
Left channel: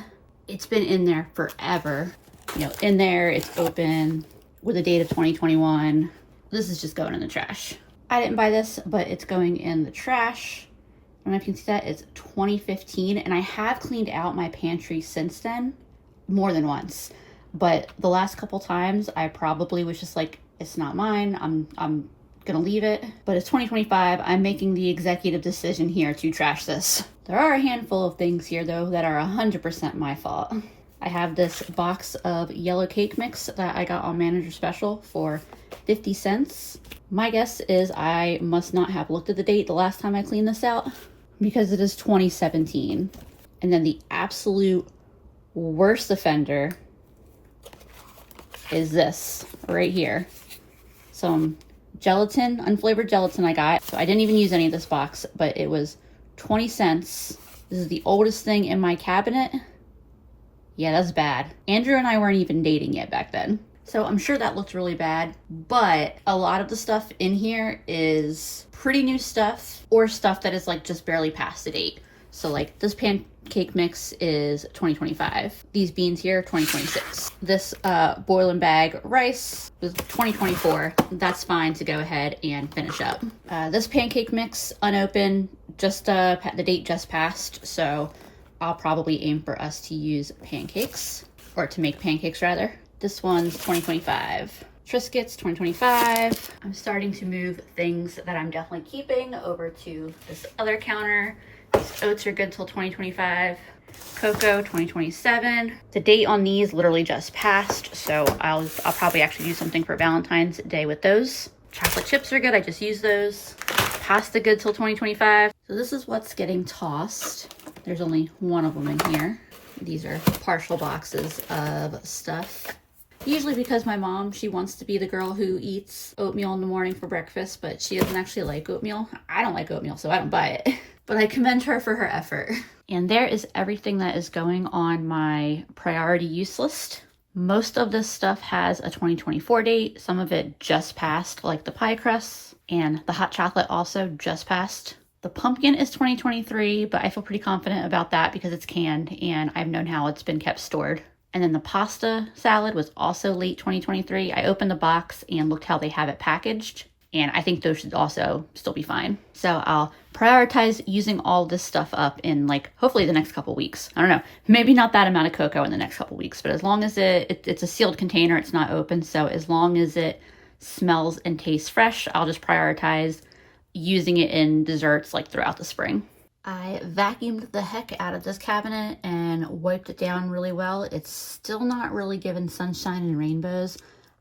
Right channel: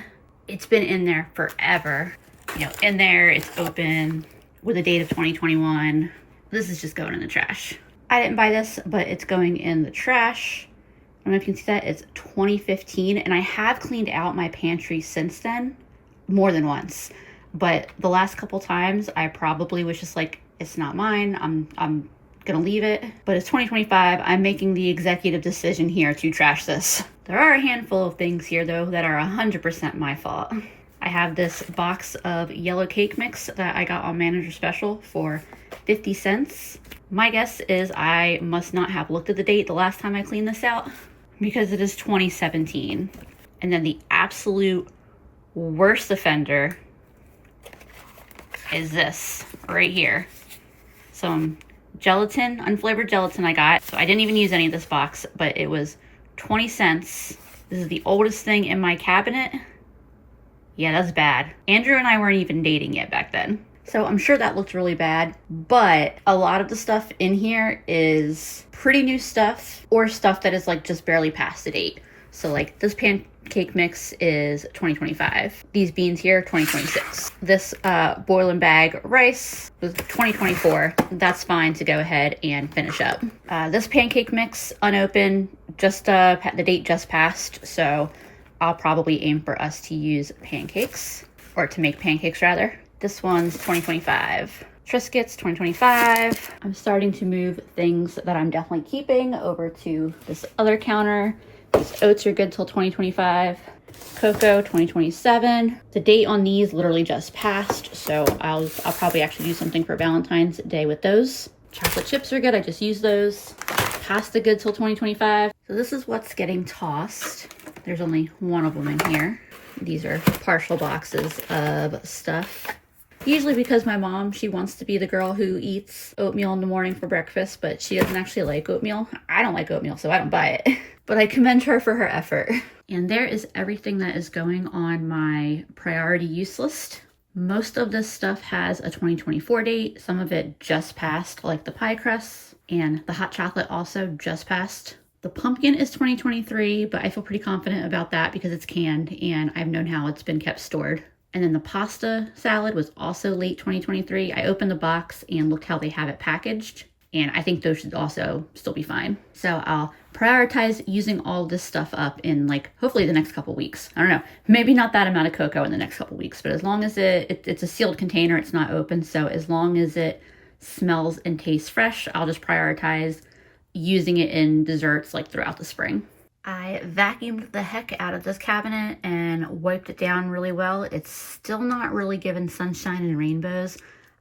It's been in there forever. You know, in there, it's open with a date of 2021. This is just going in the trash. I didn't buy this, but it's going in the trash. I don't know if you can see that. It's 2015, and I have cleaned out my pantry since then more than once. But the last couple times, I probably was just like, it's not mine. I'm gonna leave it. But it's 2025. I'm making the executive decision here to trash this. There are a handful of things here though that are 100% my fault. I have this box of yellow cake mix that I got on Manager Special for 50 cents. My guess is I must not have looked at the date the last time I cleaned this out, because it is 2017. And then the absolute worst offender is this right here. Some gelatin, unflavored gelatin I got. So I didn't even use any of this box, but it was 20 cents. This is the oldest thing in my cabinet. Yeah, that's bad. Andrew and I weren't even dating yet back then. So I'm sure that looked really bad, but a lot of the stuff in here is pretty new stuff or stuff that is like just barely past the date. So like this pancake mix is 2025. These beans here, 2026. This boil and bag rice was 2024. That's fine to go ahead and finish up. This pancake mix unopened, just the date just passed. So I'll probably aim for us to use pancakes, or to make pancakes rather. This one's 2025. Triscuits, 2025. I'm starting to move things that I'm definitely keeping over to this other counter. These oats are good till 2025. Cocoa, 2027. The date on these literally just passed, so I'll probably actually do something for Valentine's Day with those. Chocolate chips are good, I just use those. Pasta good till 2025. So this is what's getting tossed. There's only one of them in here. These are partial boxes of stuff. Usually because my mom, she wants to be the girl who eats oatmeal in the morning for breakfast, but she doesn't actually like oatmeal. I don't like oatmeal, so I don't buy it. But I commend her for her effort. And there is everything that is going on my priority use list. Most of this stuff has a 2024 date. Some of it just passed, like the pie crusts, and the hot chocolate also just passed. The pumpkin is 2023, but I feel pretty confident about that because it's canned and I've known how it's been kept stored. And then the pasta salad was also late 2023. I opened the box and looked how they have it packaged, and I think those should also still be fine. So I'll prioritize using all this stuff up in like hopefully the next couple weeks. I don't know, maybe not that amount of cocoa in the next couple weeks, but as long as it's a sealed container, it's not open. So as long as it smells and tastes fresh, I'll just prioritize using it in desserts like throughout the spring. I vacuumed the heck out of this cabinet and wiped it down really well. It's still not really giving sunshine and rainbows.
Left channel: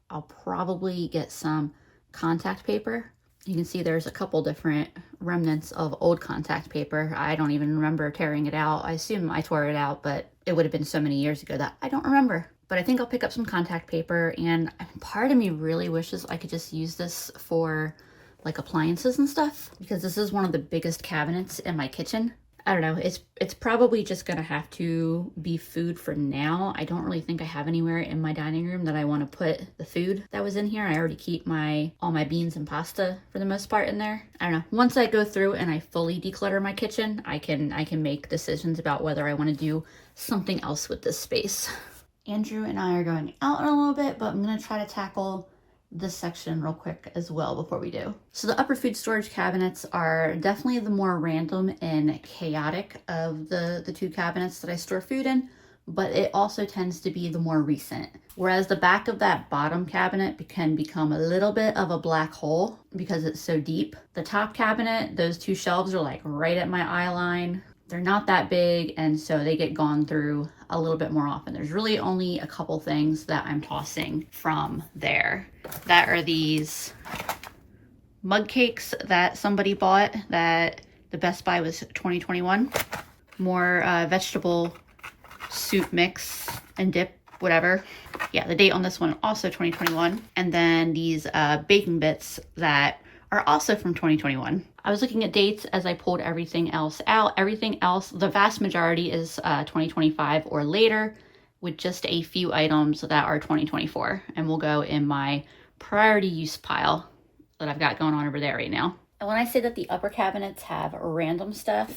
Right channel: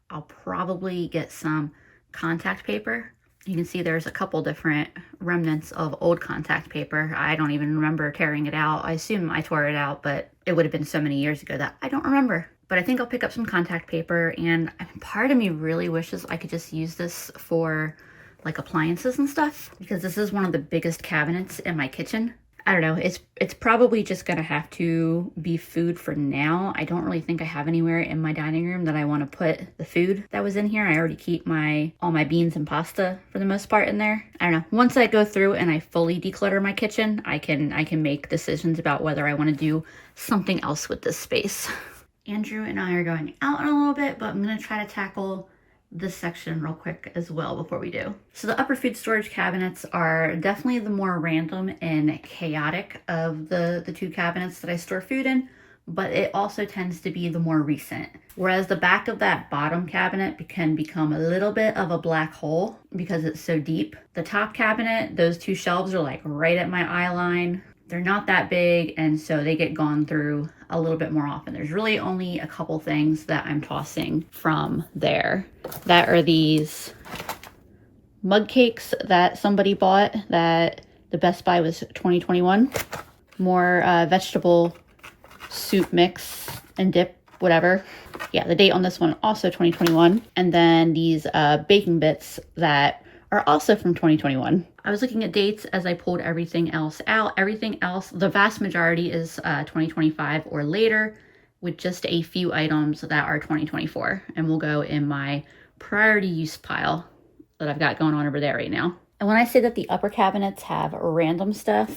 I'll probably get some contact paper. You can see there's a couple different remnants of old contact paper. I don't even remember tearing it out. I assume I tore it out, but it would have been so many years ago that I don't remember. But I think I'll pick up some contact paper, and part of me really wishes I could just use this for like appliances and stuff, because this is one of the biggest cabinets in my kitchen. I don't know, it's probably just gonna have to be food for now. I don't really think I have anywhere in my dining room that I want to put the food that was in here. I already keep all my beans and pasta for the most part in there. I don't know, once I go through and I fully declutter my kitchen, I can make decisions about whether I want to do something else with this space. Andrew and I are going out in a little bit, but I'm gonna try to tackle this section real quick as well before we do. So the upper food storage cabinets are definitely the more random and chaotic of the two cabinets that I store food in, but it also tends to be the more recent. Whereas the back of that bottom cabinet can become a little bit of a black hole because it's so deep. The top cabinet, those two shelves are like right at my eye line. They're not that big, and so they get gone through a little bit more often. There's really only a couple things that I'm tossing from there. That are these mug cakes that somebody bought that the Best Buy was 2021. More vegetable soup mix and dip, whatever. Yeah, the date on this one also 2021. And then these baking bits that are also from 2021. I was looking at dates as I pulled everything else out. Everything else, the vast majority is 2025 or later, with just a few items that are 2024 and will go in my priority use pile that I've got going on over there right now. And when I say that the upper cabinets have random stuff,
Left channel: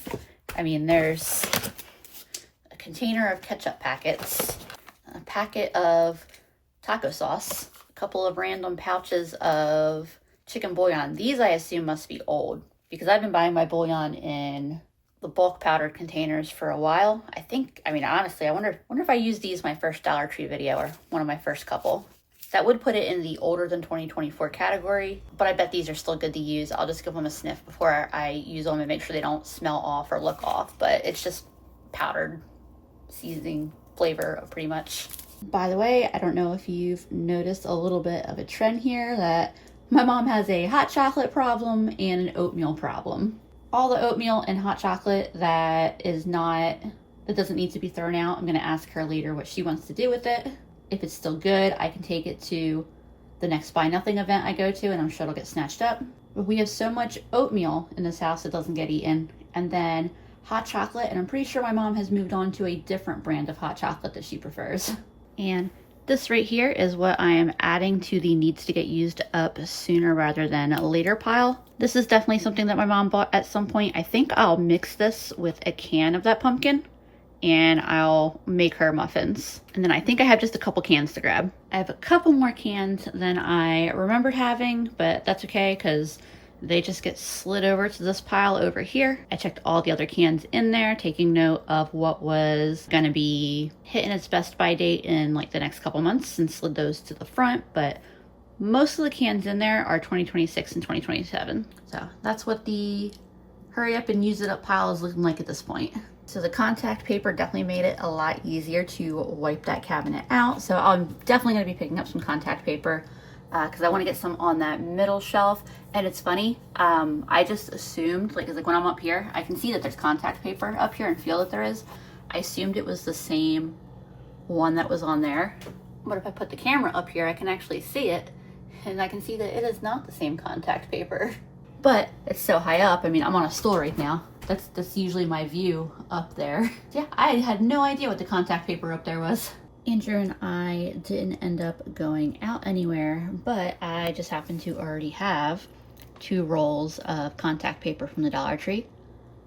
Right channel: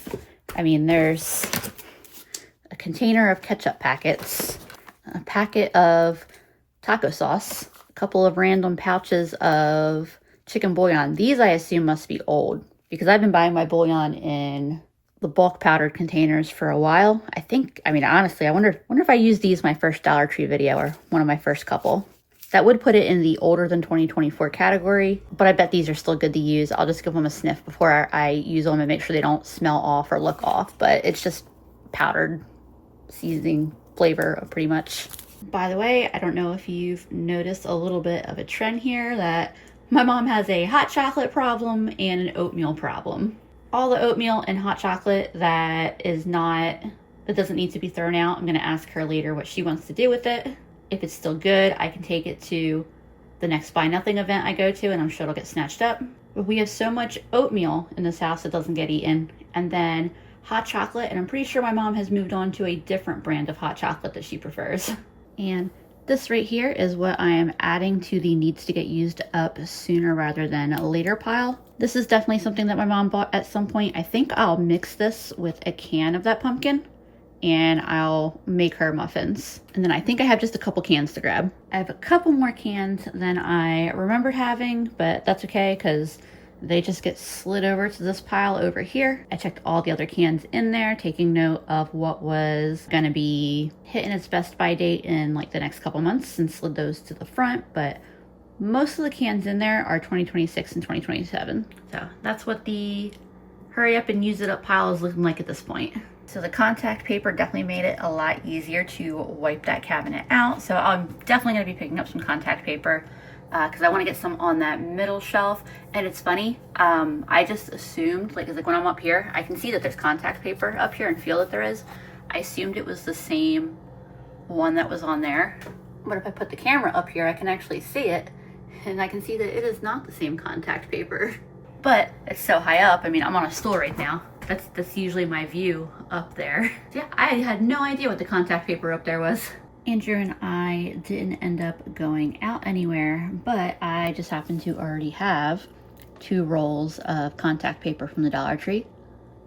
I mean there's a container of ketchup packets, a packet of taco sauce, a couple of random pouches of chicken bouillon. These I assume must be old because I've been buying my bouillon in the bulk powdered containers for a while. I mean, honestly, I wonder if I used these my first Dollar Tree video or one of my first couple. That would put it in the older than 2024 category, but I bet these are still good to use. I'll just give them a sniff before I use them and make sure they don't smell off or look off, but it's just powdered seasoning flavor pretty much. By the way, I don't know if you've noticed a little bit of a trend here that my mom has a hot chocolate problem and an oatmeal problem. All the oatmeal and hot chocolate that doesn't need to be thrown out, I'm going to ask her later what she wants to do with it. If it's still good, I can take it to the next Buy Nothing event I go to, and I'm sure it'll get snatched up. But we have so much oatmeal in this house that doesn't get eaten, and then hot chocolate, and I'm pretty sure my mom has moved on to a different brand of hot chocolate that she prefers. And this right here is what I am adding to the needs to get used up sooner rather than later pile. This is definitely something that my mom bought at some point. I think I'll mix this with a can of that pumpkin and I'll make her muffins. And then I think I have just a couple cans to grab. I have a couple more cans than I remembered having, but that's okay because they just get slid over to this pile over here. I checked all the other cans in there, taking note of what was gonna be hitting its best by date in like the next couple months, and slid those to the front, but most of the cans in there are 2026 and 2027. So that's what the hurry up and use it up pile is looking like at this point. So the contact paper definitely made it a lot easier to wipe that cabinet out. So I'm definitely gonna be picking up some contact paper because I want to get some on that middle shelf. And it's funny, I just assumed, like when I'm up here, I can see that there's contact paper up here and feel that there is. I assumed it was the same one that was on there. But if I put the camera up here, I can actually see it, and I can see that it is not the same contact paper. But it's so high up. I mean, I'm on a stool right now. That's usually my view up there. Yeah, I had no idea what the contact paper up there was. Andrew and I didn't end up going out anywhere, but I just happened to already have 2 rolls of contact paper from the Dollar Tree.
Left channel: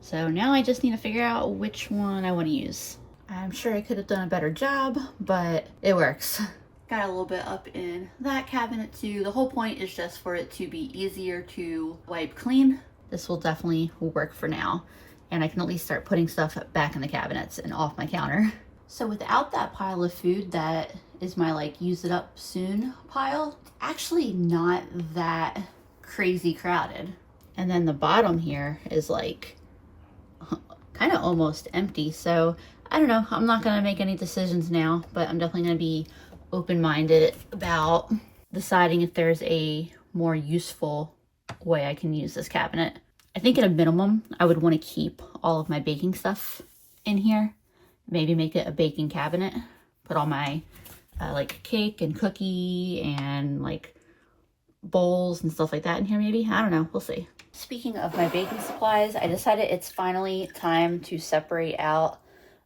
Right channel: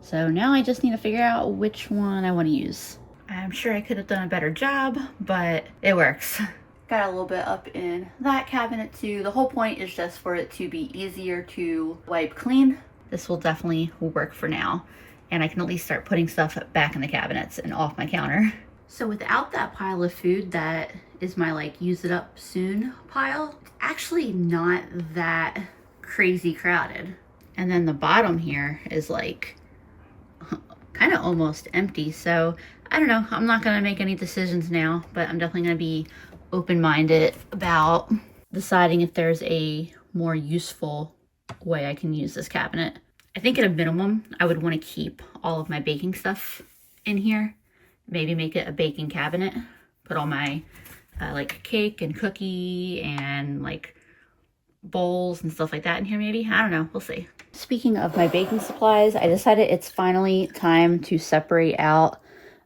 So now I just need to figure out which one I want to use. I'm sure I could have done a better job, but it works. Got a little bit up in that cabinet too. The whole point is just for it to be easier to wipe clean. this will definitely work for now. And I can at least start putting stuff back in the cabinets and off my counter. So without that pile of food that is my like use it up soon pile, it's actually not that crazy crowded. And then the bottom here is like kind of almost empty. So I don't know, I'm not gonna make any decisions now, but I'm definitely gonna be open-minded about deciding if there's a more useful way I can use this cabinet. I think at a minimum, I would want to keep all of my baking stuff in here. Maybe make it a baking cabinet. Put all my like cake and cookie and like bowls and stuff like that in here maybe. I don't know, we'll see. Speaking of my baking supplies, I decided it's finally time to separate out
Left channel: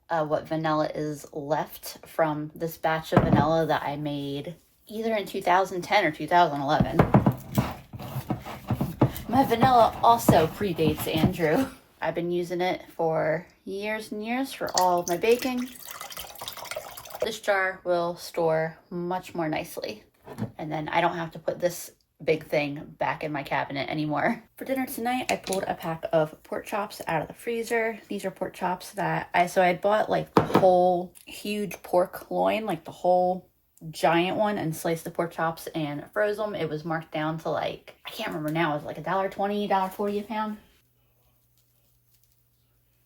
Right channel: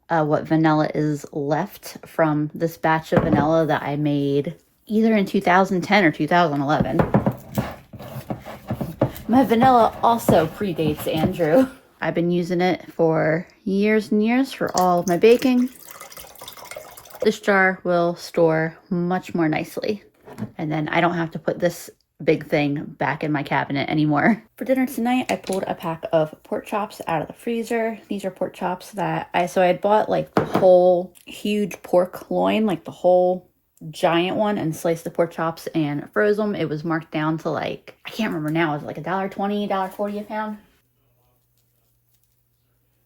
what vanilla is left from this batch of vanilla that I made either in 2010 or 2011. My vanilla also predates Andrew. I've been using it for years and years for all of my baking. This jar will store much more nicely. And then I don't have to put this big thing back in my cabinet anymore. For dinner tonight, I pulled a pack of pork chops out of the freezer. These are pork chops that I had bought like the whole huge pork loin, like the whole giant one, and sliced the pork chops and froze them. It was marked down to like, I can't remember now, it was like $1.20, $1.40 a pound.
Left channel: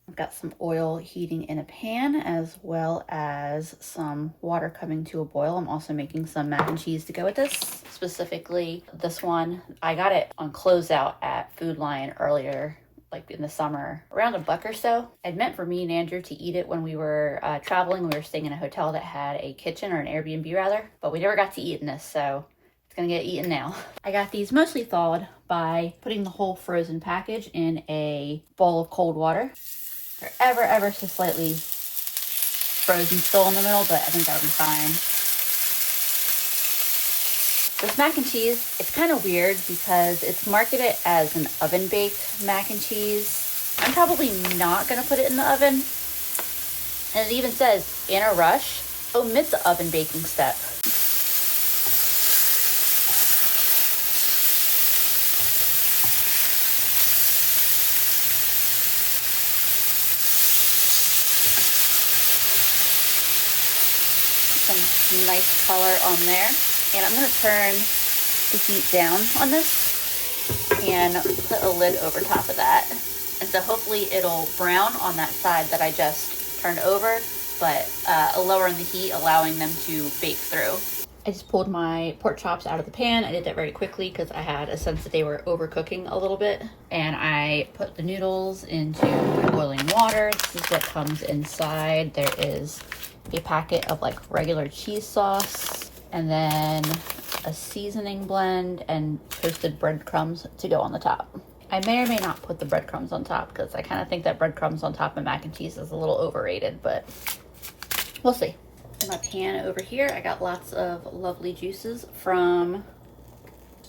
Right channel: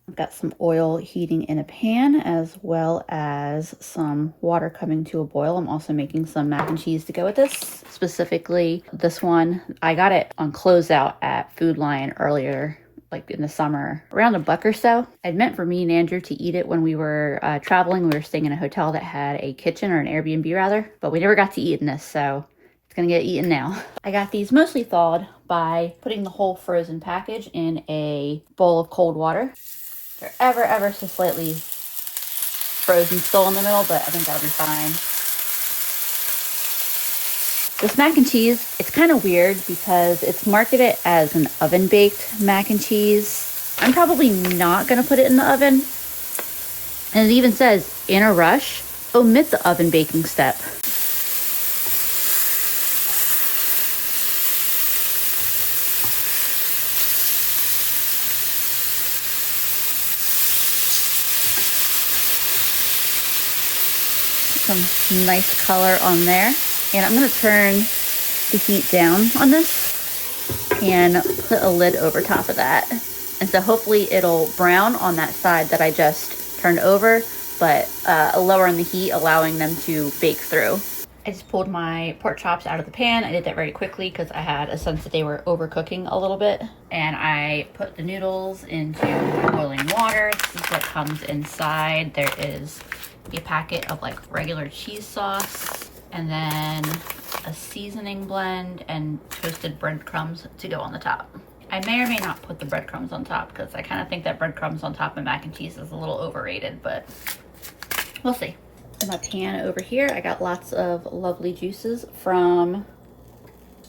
I've got some oil heating in a pan as well as some water coming to a boil. I'm also making some mac and cheese to go with this. Specifically, this one, I got it on closeout at Food Lion earlier, like in the summer, around $1 or so. I'd meant for me and Andrew to eat it when we were traveling. We were staying in a hotel that had a kitchen, or an Airbnb rather, but we never got to eat in this, so it's gonna get eaten now. I got these mostly thawed by putting the whole frozen package in a bowl of cold water. They're ever so slightly frozen still in the middle, but I think that'll be fine. This mac and cheese, it's kind of weird because it's marketed as an oven-baked mac and cheese. I'm probably not going to put it in the oven. And it even says, in a rush, omit the oven baking step. Some nice color on there. And I'm going to turn the heat down on this and put a lid over top of that. And so hopefully it'll brown on that side that I just turned over, but lowering the heat, allowing them to bake through. I just pulled my pork chops out of the pan. I did that very quickly because I had a sense that they were overcooking a little bit. And I put the noodles into boiling water. This is what comes inside. There is a packet of like regular cheese sauce, and then a seasoning blend and toasted breadcrumbs to go on the top. I may or may not put the breadcrumbs on top because I kind of think that breadcrumbs on top of mac and cheese is a little overrated, but we'll see. In my pan over here, I got lots of lovely juices from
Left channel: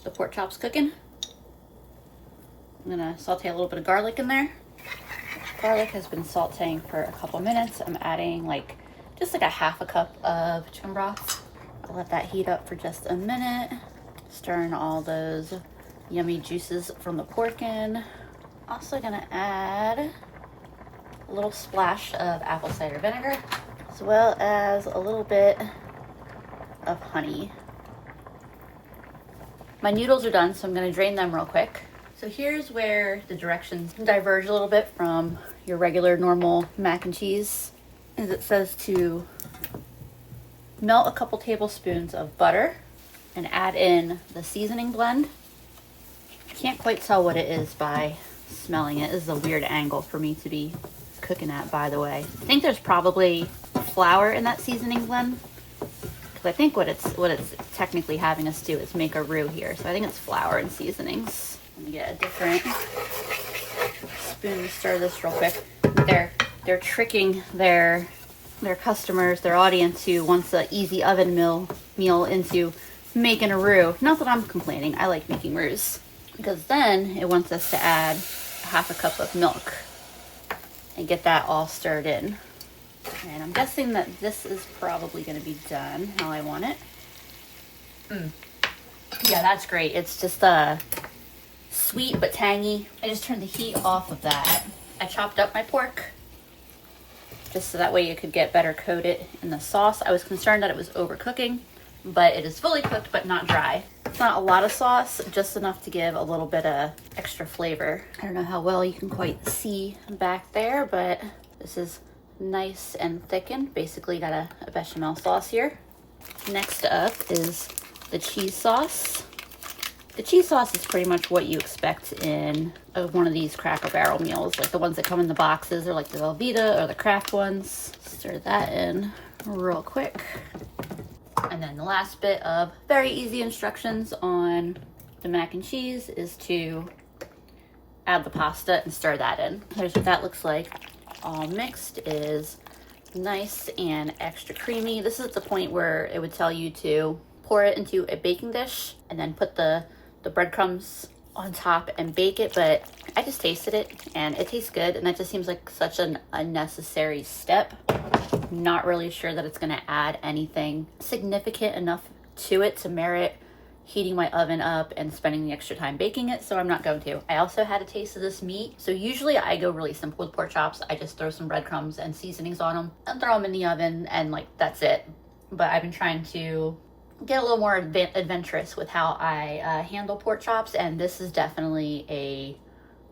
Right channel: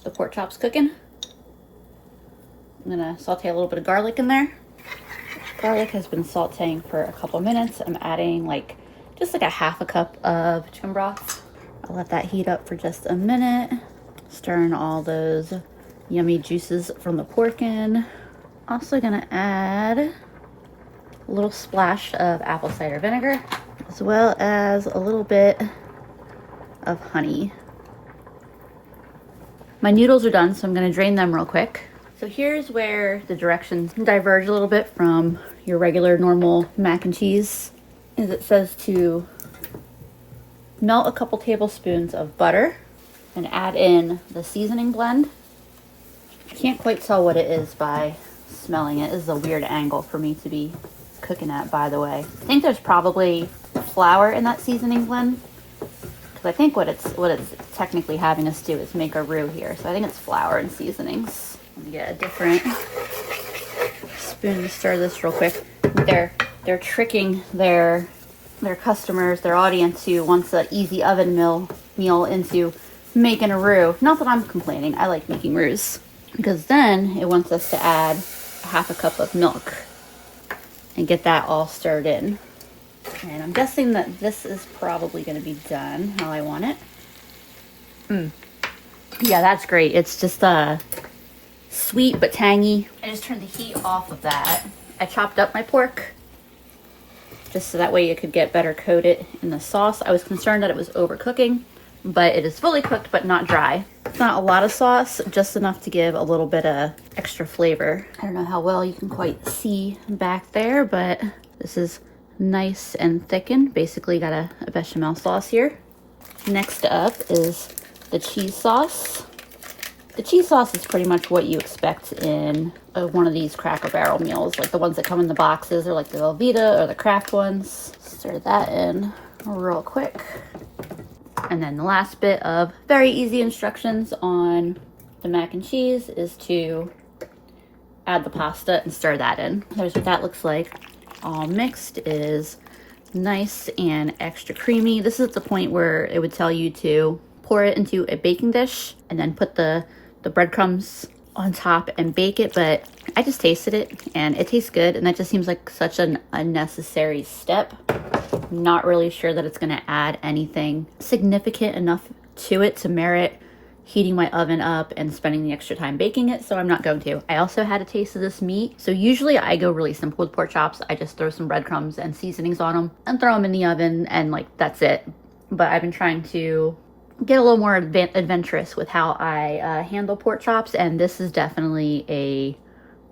the pork chops cooking. I'm gonna saute a little bit of garlic in there. Garlic has been sauteing for a couple minutes. I'm adding just like a half a cup of chicken broth. I'll let that heat up for just a minute. Stirring all those yummy juices from the pork in. Also gonna add a little splash of apple cider vinegar, as well as a little bit of honey. My noodles are done, so I'm gonna drain them real quick. So here's where the directions diverge a little bit from your regular normal mac and cheese. Is it says to melt a couple tablespoons of butter and add in the seasoning blend. I can't quite tell what it is by smelling it. This is a weird angle for me to be cooking at, by the way. I think there's probably flour in that seasoning blend, because I think what it's technically having us do is make a roux here. So I think it's flour and seasonings. Let me get a different spoon to stir this real quick. They're tricking their customers, their audience who wants an easy oven meal into making a roux. Not that I'm complaining, I like making roux. Because then it wants us to add a half a cup of milk and get that all stirred in. And I'm guessing that this is probably going to be done how I want it. Yeah, that's great. It's just sweet but tangy. I just turned the heat off of that. I chopped up my pork just so that way it could get better coated in the sauce. I was concerned that it was overcooking, but it is fully cooked but not dry. It's not a lot of sauce, just enough to give a little bit of extra flavor. I don't know how well you can quite see back there, but this is nice and thickened. Basically got a bechamel sauce here. Next up is the cheese sauce. The cheese sauce is pretty much what you expect in one of these Cracker Barrel meals, like the ones that come in the boxes, or like the Velveeta or the Kraft ones. Stir that in real quick. And then the last bit of very easy instructions on the mac and cheese is to add the pasta and stir that in. Here's what that looks like. All mixed is nice and extra creamy. This is the point where it would tell you to pour it into a baking dish and then put the breadcrumbs on top and bake it, but I just tasted it and it tastes good, and that just seems like such an unnecessary step. I'm not really sure that it's gonna add anything significant enough to it to merit heating my oven up and spending the extra time baking it, so I'm not going to. I also had a taste of this meat. So usually I go really simple with pork chops. I just throw some breadcrumbs and seasonings on them and throw them in the oven, and like that's it. But I've been trying to get a little more adventurous with how I handle pork chops, and this is definitely a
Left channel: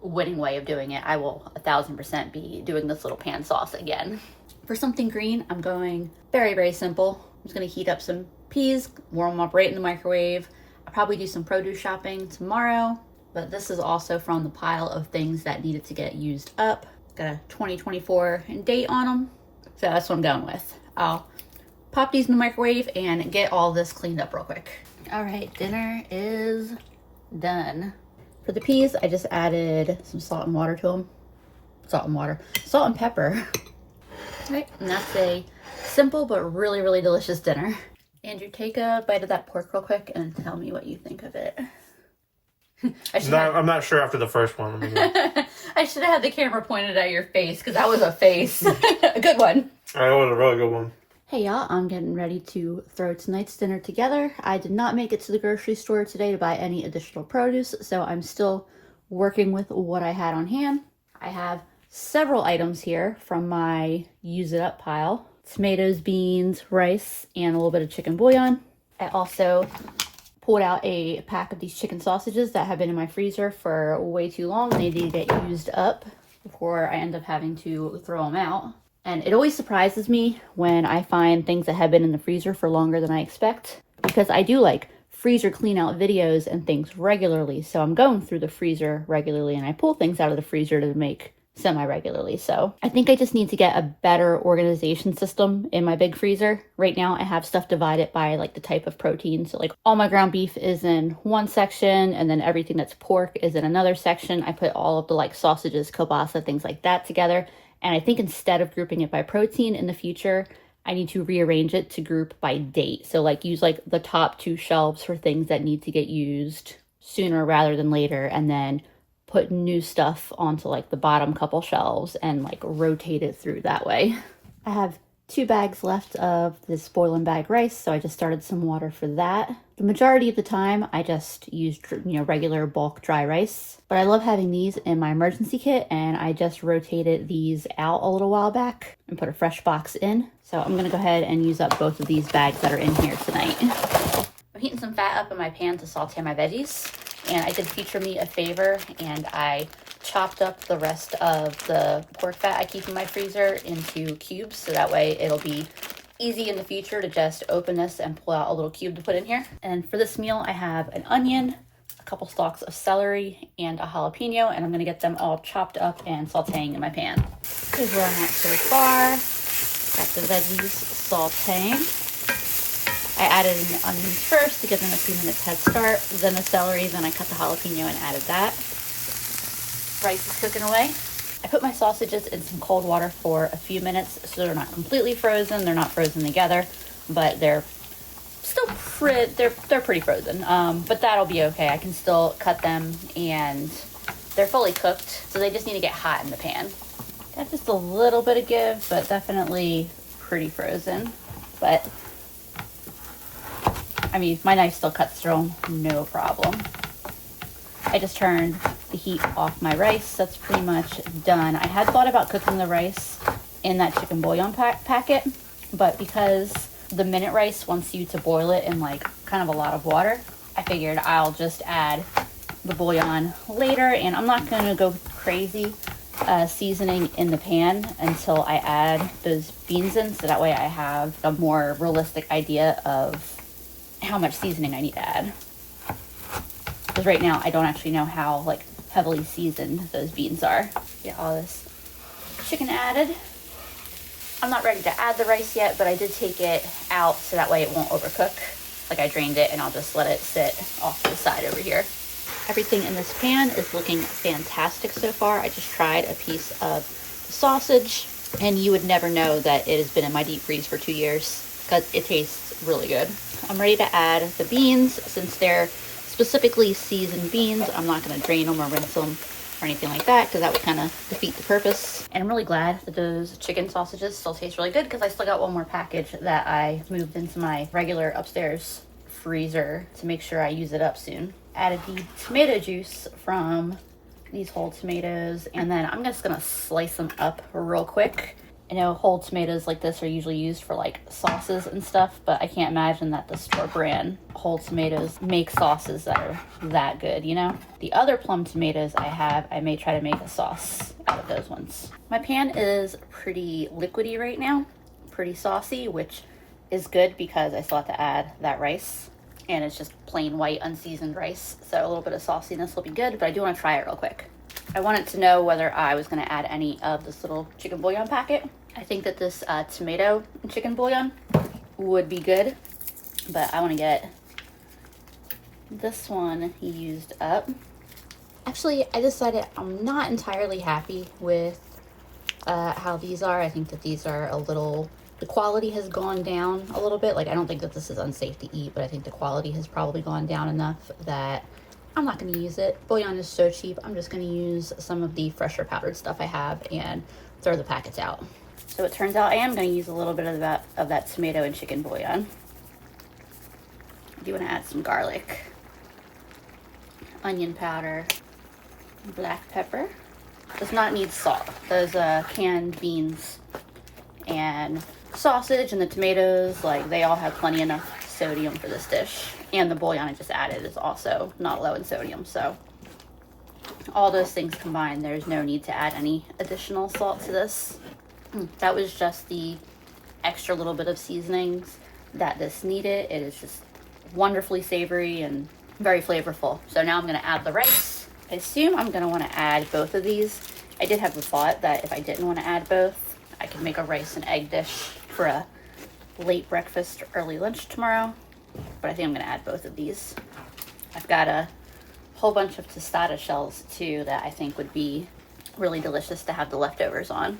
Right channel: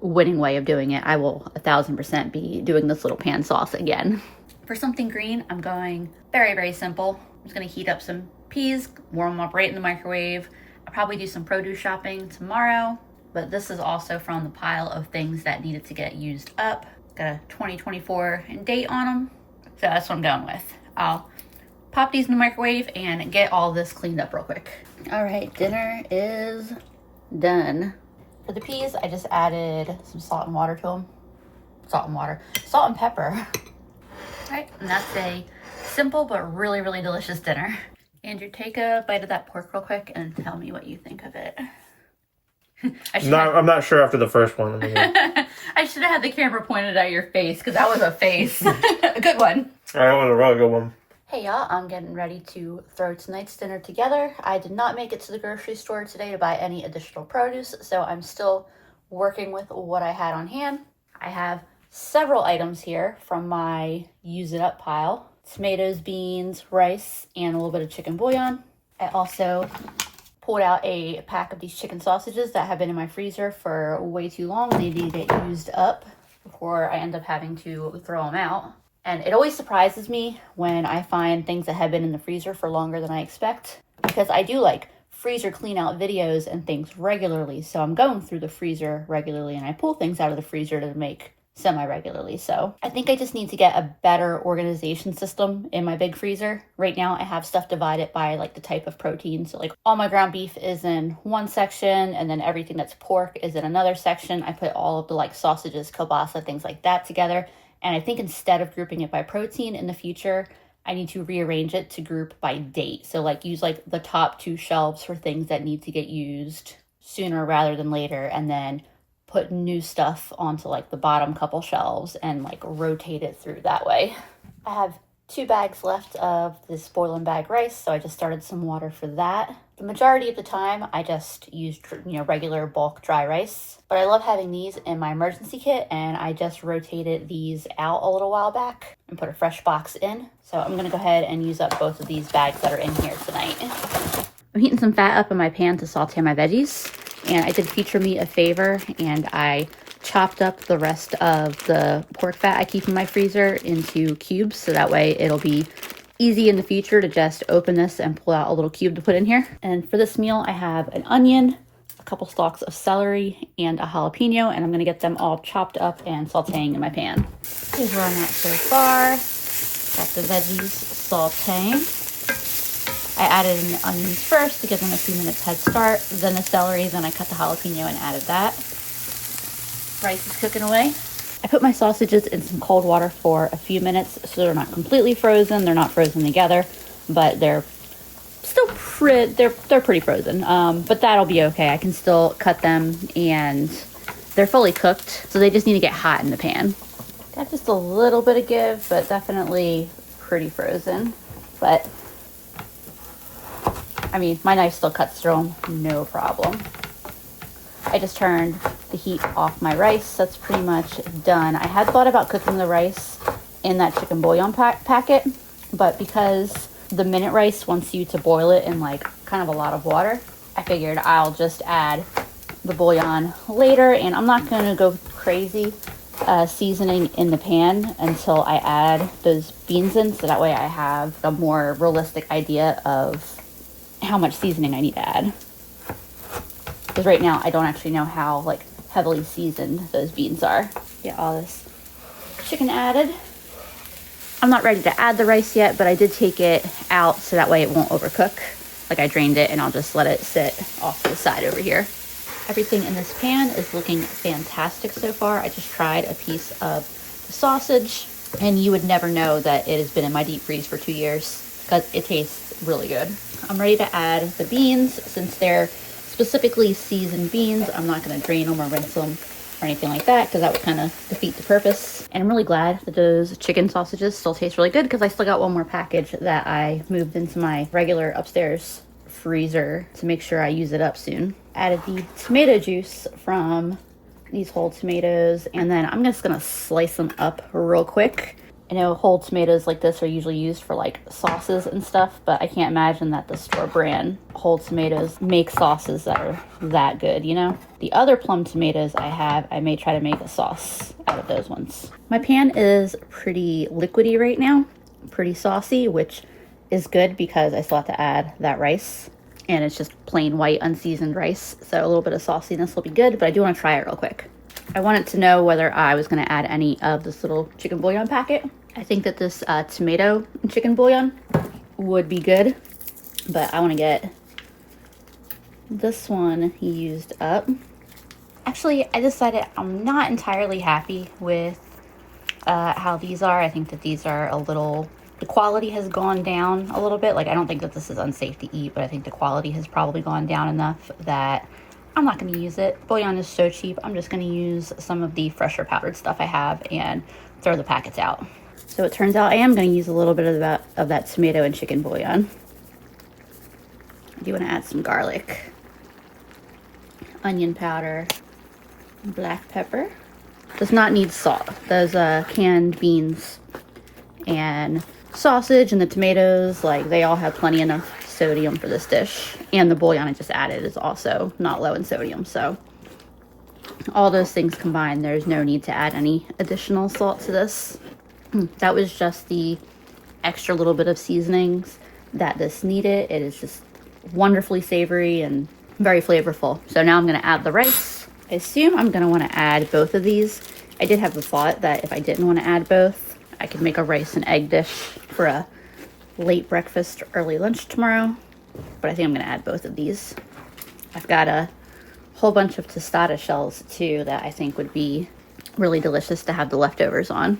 winning way of doing it. I will 1000% be doing this little pan sauce again. For something green, I'm going very, very simple. I'm just gonna heat up some peas, warm them up right in the microwave. I'll probably do some produce shopping tomorrow, but this is also from the pile of things that needed to get used up. Got a 2024 date on them, so that's what I'm going with. I'll pop these in the microwave and get all this cleaned up real quick. All right, dinner is done. For the peas, I just added some salt and water to them. Salt and pepper. All right, and that's a simple but really, really delicious dinner. Andrew, take a bite of that pork real quick and tell me what you think of it. I'm not sure after the first one. I should have had the camera pointed at your face, because that was a face. A good one. That was a really good one. Hey y'all, I'm getting ready to throw tonight's dinner together. I did not make it to the grocery store today to buy any additional produce, so I'm still working with what I had on hand. I have several items here from my use it up pile. Tomatoes, beans, rice, and a little bit of chicken bouillon. I also pulled out a pack of these chicken sausages that have been in my freezer for way too long. They need to get used up before I end up having to throw them out. And it always surprises me when I find things that have been in the freezer for longer than I expect, because I do like freezer clean out videos and things regularly. So I'm going through the freezer regularly, and I pull things out of the freezer to make semi-regularly. So I think I just need to get a better organization system in my big freezer. Right now I have stuff divided by like the type of protein. So like all my ground beef is in one section, and then everything that's pork is in another section. I put all of the like sausages, kielbasa, things like that together. And I think instead of grouping it by protein in the future, I need to rearrange it to group by date. So like use like the top 2 shelves for things that need to get used sooner rather than later, and then put new stuff onto like the bottom couple shelves and like rotate it through that way. I have 2 bags left of this boiling bag rice, so I just started some water for that. The majority of the time I just used, regular bulk dry rice, but I love having these in my emergency kit, and I just rotated these out a little while back and put a fresh box in. So I'm gonna go ahead and use up both of these bags that are in here tonight. I'm heating some fat up in my pan to saute my veggies, and I did Feature Me a favor, and I chopped up the rest of the pork fat I keep in my freezer into cubes, so that way it'll be easy in the future to just open this and pull out a little cube to put in here. And for this meal I have an onion, a couple stalks of celery, and a jalapeno, and I'm gonna get them all chopped up and sauteing in my pan. Here's where I'm at so far. Got the veggies sauteing. I added in the onions first to give them a few minutes head start, then the celery, then I cut the jalapeno and added that. Rice is cooking away. I put my sausages in some cold water for a few minutes, so they're not completely frozen. They're not frozen together, but they're still they're pretty frozen. But that'll be okay. I can still cut them, and they're fully cooked, so they just need to get hot in the pan. Got just a little bit of give, but definitely pretty frozen. But I mean, my knife still cuts through them, no problem. I just turned the heat off my rice. That's pretty much done. I had thought about cooking the rice in that chicken bouillon packet, but because the minute rice wants you to boil it in like kind of a lot of water, I figured I'll just add the bouillon later, and I'm not going to go crazy seasoning in the pan until I add those beans in, so that way I have a more realistic idea of how much seasoning I need to add. Because right now I don't actually know how like heavily seasoned those beans are. Get all this chicken added. I'm not ready to add the rice yet, but I did take it out so that way it won't overcook. Like I drained it and I'll just let it sit off to the side over here. Everything in this pan is looking fantastic so far. I just tried a piece of sausage, and you would never know that it has been in my deep freeze for 2 years because it tastes really good. I'm ready to add the beans. Since they're specifically seasoned beans, I'm not going to drain them or rinse them or anything like that because that would kind of defeat the purpose. And I'm really glad that those chicken sausages still taste really good because I still got one more package that I moved into my regular upstairs freezer to make sure I use it up soon. Added the tomato juice from these whole tomatoes, and then I'm just gonna slice them up real quick. I know whole tomatoes like this are usually used for like sauces and stuff, but I can't imagine that the store brand whole tomatoes make sauces that are that good, you know? The other plum tomatoes I have, I may try to make a sauce out of those ones. My pan is pretty liquidy right now, pretty saucy, which is good because I still have to add that rice. And it's just plain white unseasoned rice, so a little bit of sauciness will be good, but I do want to try it real quick. I wanted to know whether I was going to add any of this little chicken bouillon packet. I think that this tomato and chicken bouillon would be good, but I want to get this one used up. Actually, I decided I'm not entirely happy with how these are. I think that these are a little... The quality has gone down a little bit. Like, I don't think that this is unsafe to eat, but I think the quality has probably gone down enough that I'm not going to use it. Bouillon is so cheap. I'm just going to use some of the fresher powdered stuff I have and throw the packets out. So it turns out I am going to use a little bit of that tomato and chicken bouillon. I do want to add some garlic, onion powder, black pepper. Does not need salt. Those canned beans and sausage and the tomatoes, like, they all have plenty enough sodium for this dish, and the bouillon I just added is also not low in sodium, so all those things combined, there's no need to add any additional salt to this. That was just the extra little bit of seasonings that this needed. It is just wonderfully savory and very flavorful. So now I'm going to add the rice. I assume I'm going to want to add both of these. I did have a thought that if I didn't want to add both, I could make a rice and egg dish for a late breakfast or early lunch tomorrow, but I think I'm gonna add both of these. I've got a whole bunch of tostada shells too that I think would be really delicious to have the leftovers on,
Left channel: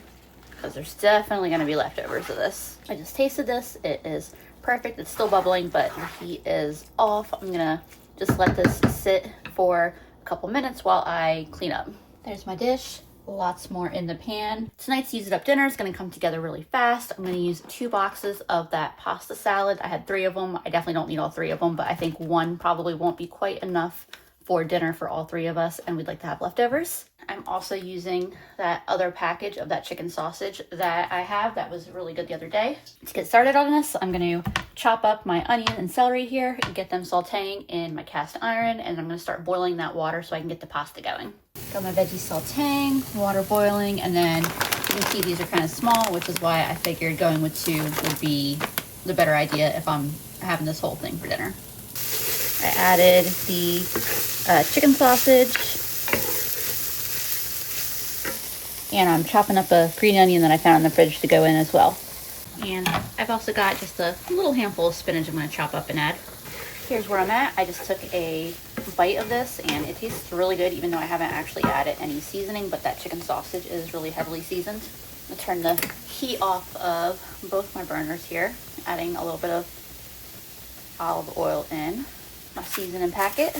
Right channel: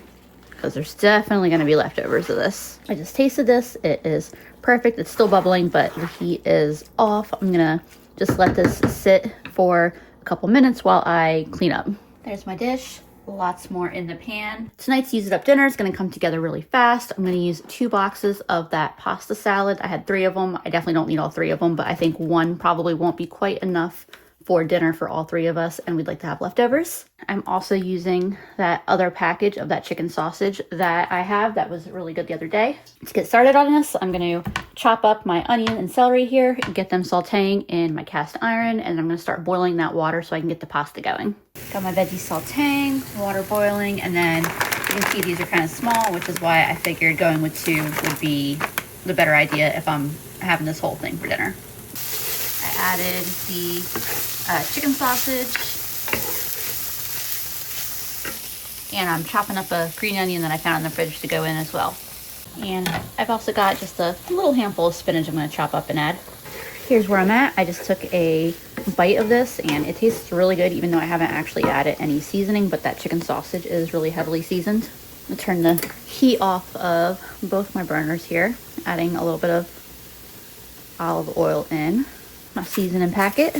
because there's definitely gonna be leftovers of this. I just tasted this. It is perfect. It's still bubbling, but the heat is off. I'm gonna just let this sit for a couple minutes while I clean up. There's my dish. Lots more in the pan. Tonight's Use It Up dinner is going to come together really fast. I'm going to use 2 boxes of that pasta salad. I had 3 of them. I definitely don't need all 3 of them, but I think one probably won't be quite enough for dinner for all 3 of us, and we'd like to have leftovers. I'm also using that other package of that chicken sausage that I have that was really good the other day. To get started on this, I'm going to chop up my onion and celery here and get them sauteing in my cast iron, and I'm going to start boiling that water so I can get the pasta going. Got my veggies sauteing, water boiling, and then you can see these are kind of small, which is why I figured going with 2 would be the better idea if I'm having this whole thing for dinner. I added the chicken sausage, and I'm chopping up a green onion that I found in the fridge to go in as well. And I've also got just a little handful of spinach I'm going to chop up and add. Here's where I'm at. I just took a bite of this and it tastes really good, even though I haven't actually added any seasoning, but that chicken sausage is really heavily seasoned. I'm gonna turn the heat off of both my burners here, adding a little bit of olive oil in my seasoning packet.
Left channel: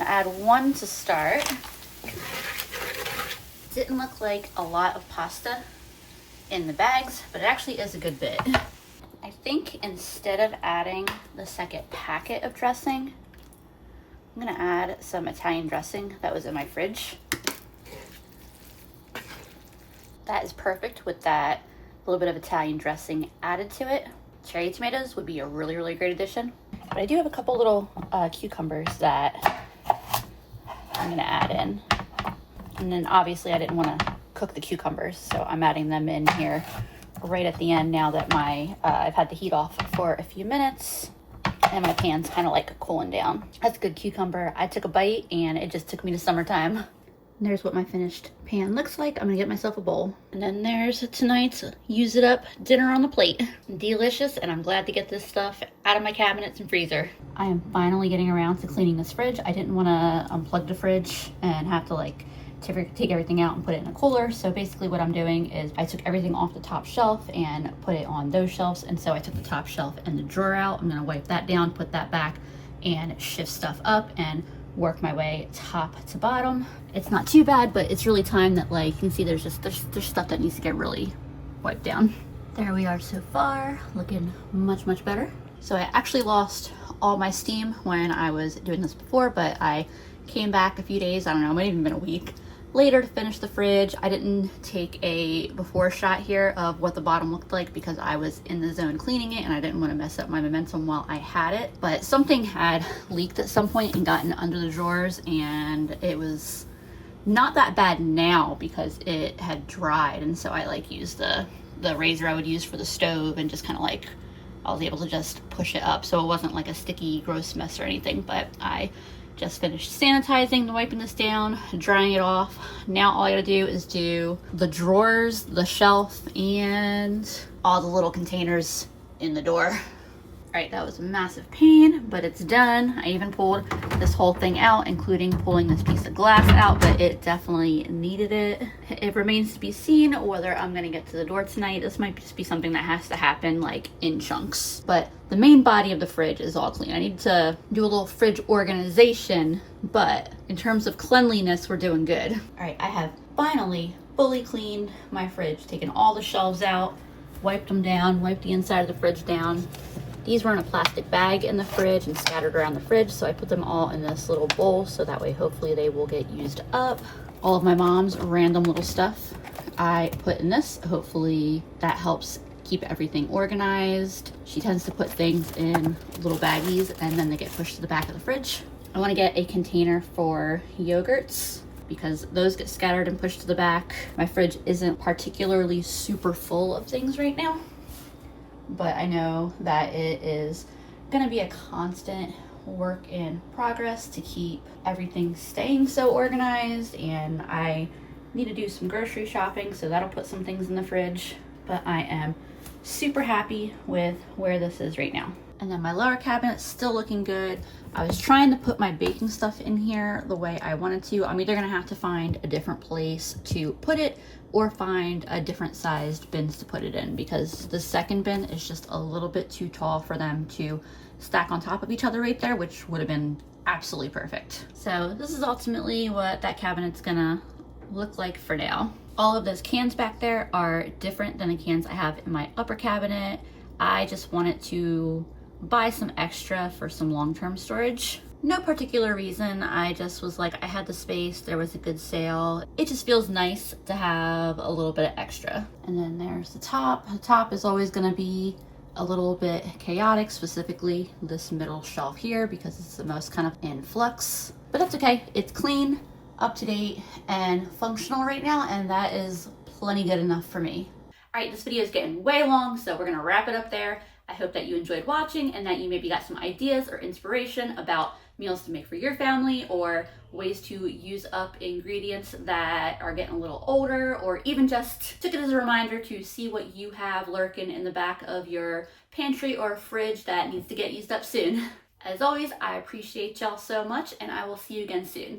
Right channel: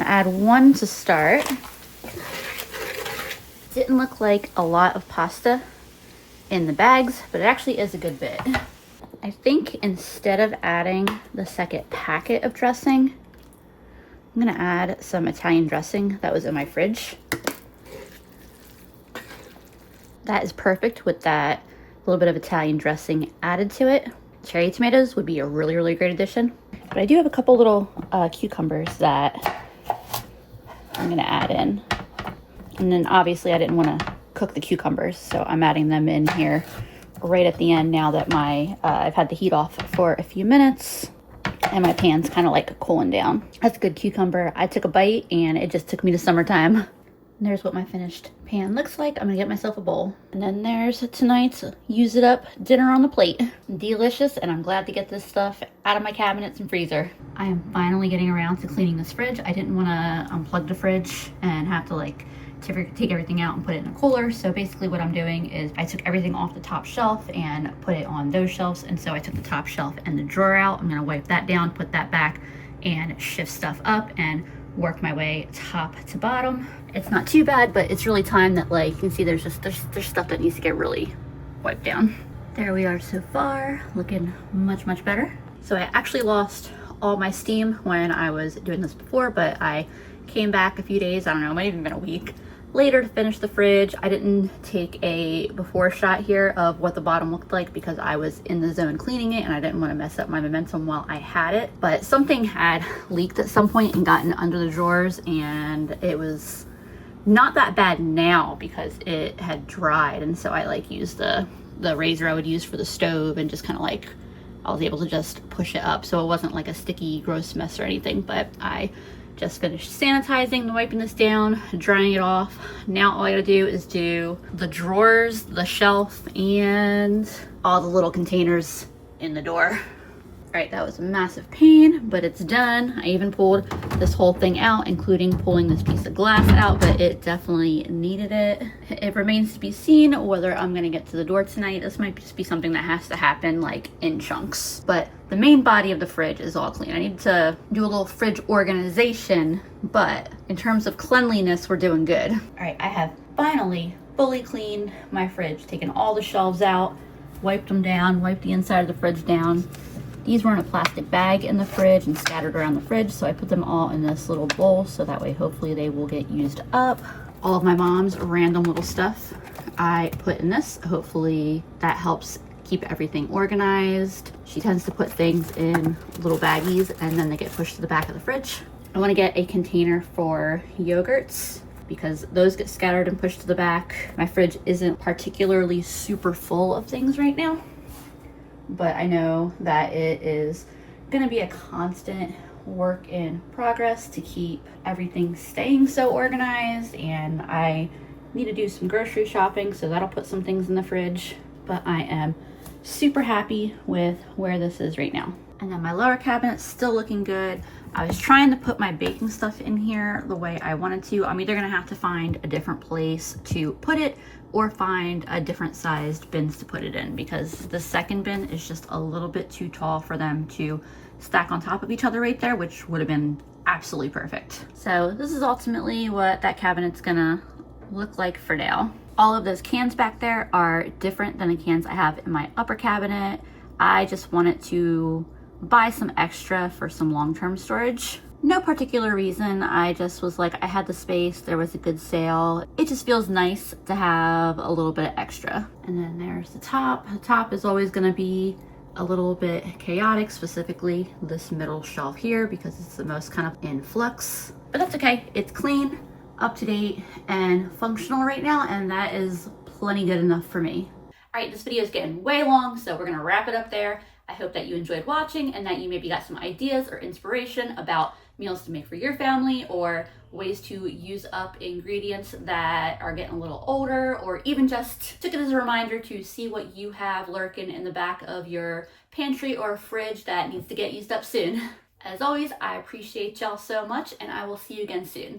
I add 1 to start. Didn't look like a lot of pasta in the bags, but it actually is a good bit. I think instead of adding the second packet of dressing, I'm gonna add some Italian dressing that was in my fridge. That is perfect with that little bit of Italian dressing added to it. Cherry tomatoes would be a really, really great addition. But I do have a couple little cucumbers that I'm gonna add in. And then obviously I didn't wanna cook the cucumbers, so I'm adding them in here right at the end now that I've had the heat off for a few minutes and my pan's kind of like cooling down. That's a good cucumber. I took a bite and it just took me to summertime. And there's what my finished pan looks like. I'm gonna get myself a bowl. And then there's tonight's use it up dinner on the plate. Delicious, and I'm glad to get this stuff out of my cabinets and freezer. I am finally getting around to cleaning this fridge. I didn't wanna unplug the fridge and have to like take everything out and put it in a cooler. So basically what I'm doing is I took everything off the top shelf and put it on those shelves. And so I took the top shelf and the drawer out. I'm gonna wipe that down, put that back, and shift stuff up and work my way top to bottom. It's not too bad, but it's really time that, like, you can see there's stuff that needs to get really wiped down. There we are so far, looking much, much better. So I actually lost all my steam when I was doing this before, but I came back a few days, I don't know, it might have even been a week later to finish the fridge. I didn't take a before shot here of what the bottom looked like because I was in the zone cleaning it and I didn't want to mess up my momentum while I had it. But something had leaked at some point and gotten under the drawers, and it was not that bad now because it had dried. And so I like used the razor I would use for the stove and just kind of like, I was able to just push it up so it wasn't like a sticky gross mess or anything. But I just finished sanitizing and wiping this down, drying it off. Now all I gotta do is do the drawers, the shelf, and all the little containers in the door. All right, that was a massive pain, but it's done. I even pulled this whole thing out, including pulling this piece of glass out, but it definitely needed it. It remains to be seen whether I'm gonna get to the door tonight. This might just be something that has to happen like in chunks, but the main body of the fridge is all clean. I need to do a little fridge organization, but in terms of cleanliness, we're doing good. All right, I have finally fully cleaned my fridge, taken all the shelves out, wiped them down, wiped the inside of the fridge down. These were in a plastic bag in the fridge and scattered around the fridge, so I put them all in this little bowl so that way hopefully they will get used up. All of my mom's random little stuff I put in this. Hopefully that helps keep everything organized. She tends to put things in little baggies and then they get pushed to the back of the fridge. I want to get a container for yogurts because those get scattered and pushed to the back. My fridge isn't particularly super full of things right now, but I know that it is gonna be a constant work in progress to keep everything staying so organized, and I need to do some grocery shopping, so that'll put some things in the fridge. But I am super happy with where this is right now. And then my lower cabinet's still looking good. I was trying to put my baking stuff in here the way I wanted to. I'm either gonna have to find a different place to put it or find a different sized bins to put it in, because the second bin is just a little bit too tall for them to stack on top of each other right there, which would have been absolutely perfect. So this is ultimately what that cabinet's gonna look like for now. All of those cans back there are different than the cans I have in my upper cabinet. I just wanted to buy some extra for some long-term storage. No particular reason, I just was like, I had the space, there was a good sale. It just feels nice to have a little bit of extra. And then there's the top. The top is always gonna be a little bit chaotic, specifically this middle shelf here because it's the most kind of in flux. But that's okay, it's clean, up to date, and functional right now, and that is plenty good enough for me. All right, this video is getting way long, so we're gonna wrap it up there. I hope that you enjoyed watching and that you maybe got some ideas or inspiration about meals to make for your family, or ways to use up ingredients that are getting a little older, or even just took it as a reminder to see what you have lurking in the back of your pantry or fridge that needs to get used up soon. As always, I appreciate y'all so much, and I will see you again soon.